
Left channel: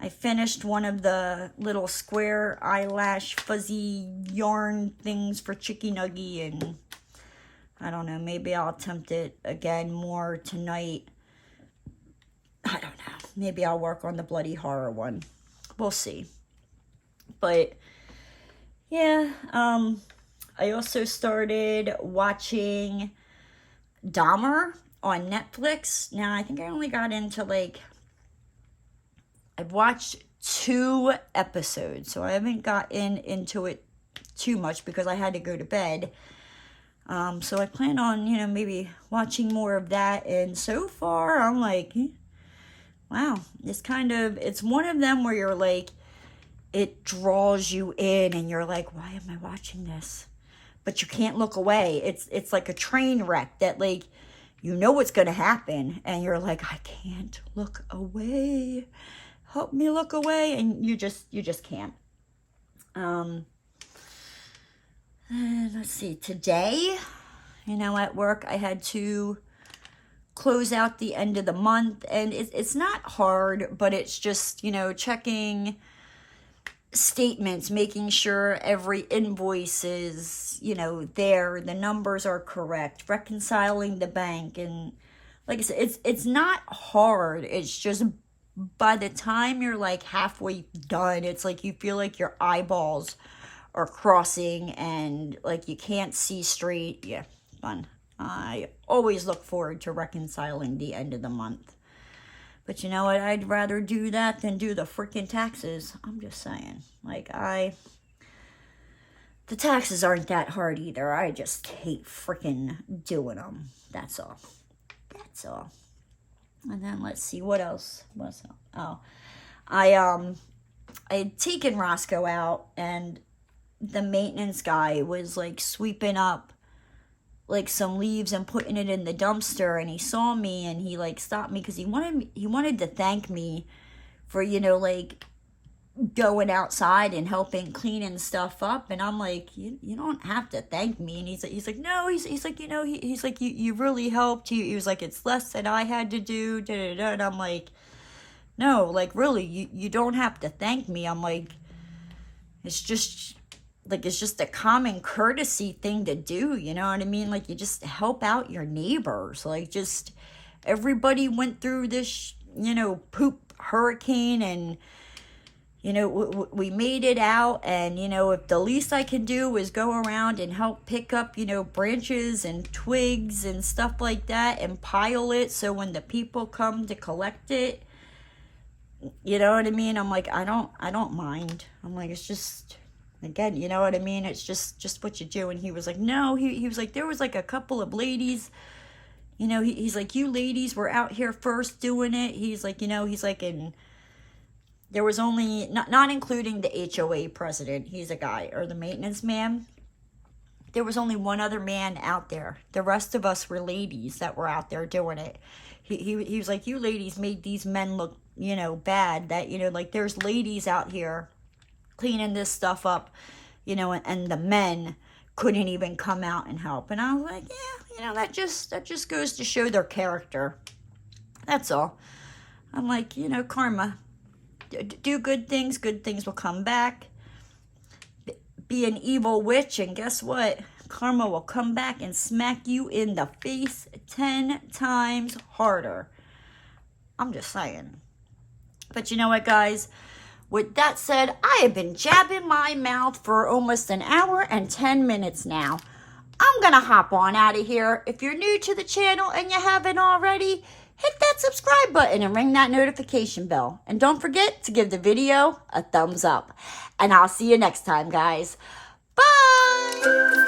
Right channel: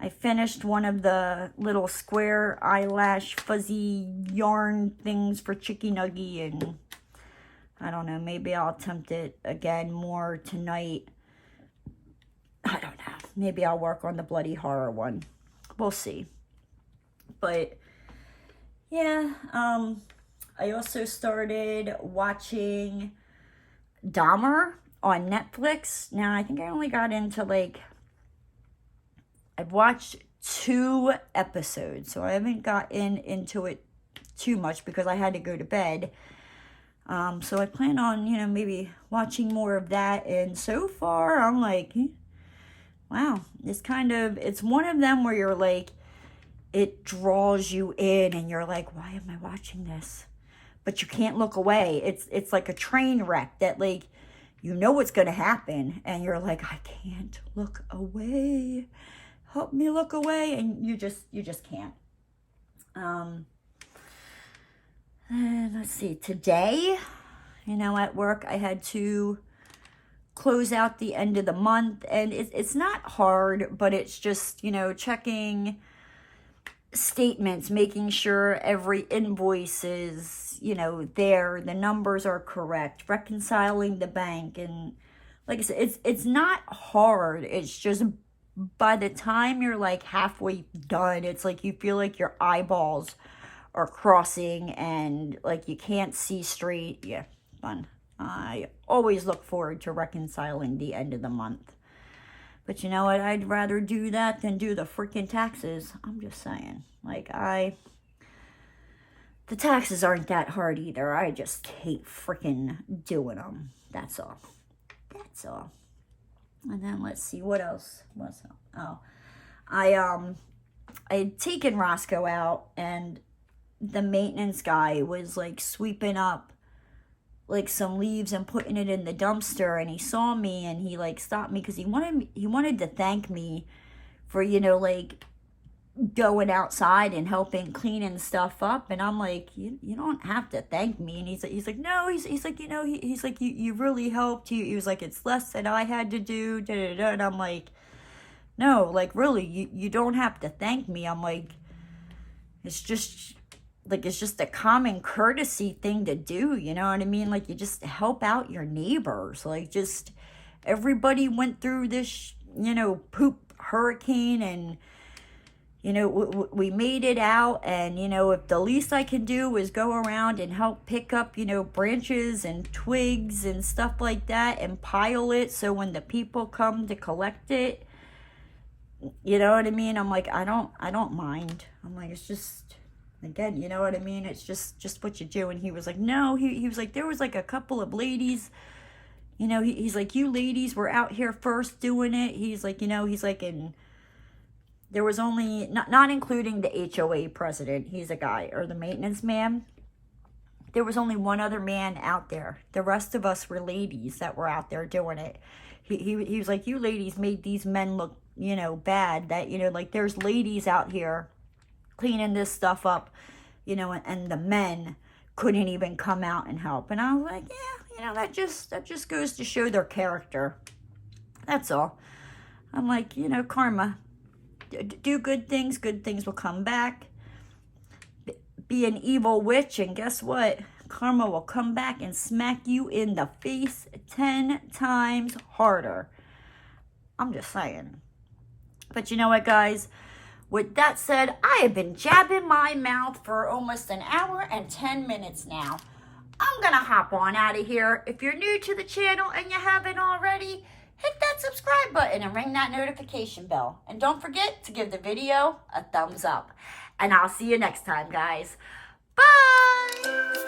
finished one of the little square eyelash fuzzy yarn things for Chicky Nuggy, and I don't know, maybe I'll attempt it again more tonight. I don't know. Maybe I'll work on the bloody horror one. We'll see. But yeah, I also started watching Dahmer on Netflix. Now, I think I only got into like, I've watched 2 episodes, so I haven't gotten into it too much because I had to go to bed. So I plan on, you know, maybe watching more of that. And so far, I'm like, wow, it's one of them where you're like, it draws you in and you're like, why am I watching this? But you can't look away. It's like a train wreck that like, you know what's going to happen. And you're like, I can't look away. Help me look away. And you just can't. And let's see, today, you know, at work, I had to close out the end of the month, and it's not hard, but it's just, you know, checking statements, making sure every invoice is, you know, there, the numbers are correct, reconciling the bank, and like I said, it's not hard. It's just by the time you're like halfway done, it's like you feel like your eyeballs are crossing and like you can't see straight. Yeah, fun. I always look forward to reconciling the end of the month. But you know what? I'd rather do that than do the freaking taxes. I'm just saying. Like, the taxes aren't that hard either. I just hate freaking doing them. That's all. That's all. And then let's see, what else was it? Oh, I had taken Roscoe out, and the maintenance guy was like sweeping up like some leaves and putting it in the dumpster, and he saw me and he like stopped me because he wanted to thank me for, you know, like going outside and helping cleaning stuff up. And I'm like, you don't have to thank me. And he's like no, he's like, you know, he's like, you really helped. He was like, it's less that I had to do, da, da, da. And I'm like, no, like really, you don't have to thank me. I'm like, it's just a common courtesy thing to do, you know what I mean? Like, you just help out your neighbors. Like, just everybody went through this, you know, poop hurricane, and, you know, we made it out. And, you know, if the least I can do is go around and help pick up, you know, branches and twigs and stuff like that and pile it so when the people come to collect it, you know what I mean? I'm like, I don't mind. I'm like, it's just, again, you know what I mean? It's just what you do. And he was like, no, he was like, there was like a couple of ladies, you know, he's like, you ladies were out here first doing it. He's like, you know, he's like, and there was only, not including the HOA president, he's a guy, or the maintenance man, there was only one other man out there. The rest of us were ladies that were out there doing it. He was like, you ladies made these men look, you know, bad, that, you know, like, there's ladies out here cleaning this stuff up, you know, and the men couldn't even come out and help. And I was like, yeah, you know, that just goes to show their character. That's all. I'm like, you know, karma. Do good things will come back. Be an evil witch, and guess what? Karma will come back and smack you in the face 10 times harder. I'm just saying. But you know what, guys? With that said, I have been jabbing my mouth for almost an hour and 10 minutes now. I'm going to hop on out of here. If you're new to the channel and you haven't already, hit that subscribe button and ring that notification bell. And don't forget to give the video a thumbs up. And I'll see you next time, guys. Bye!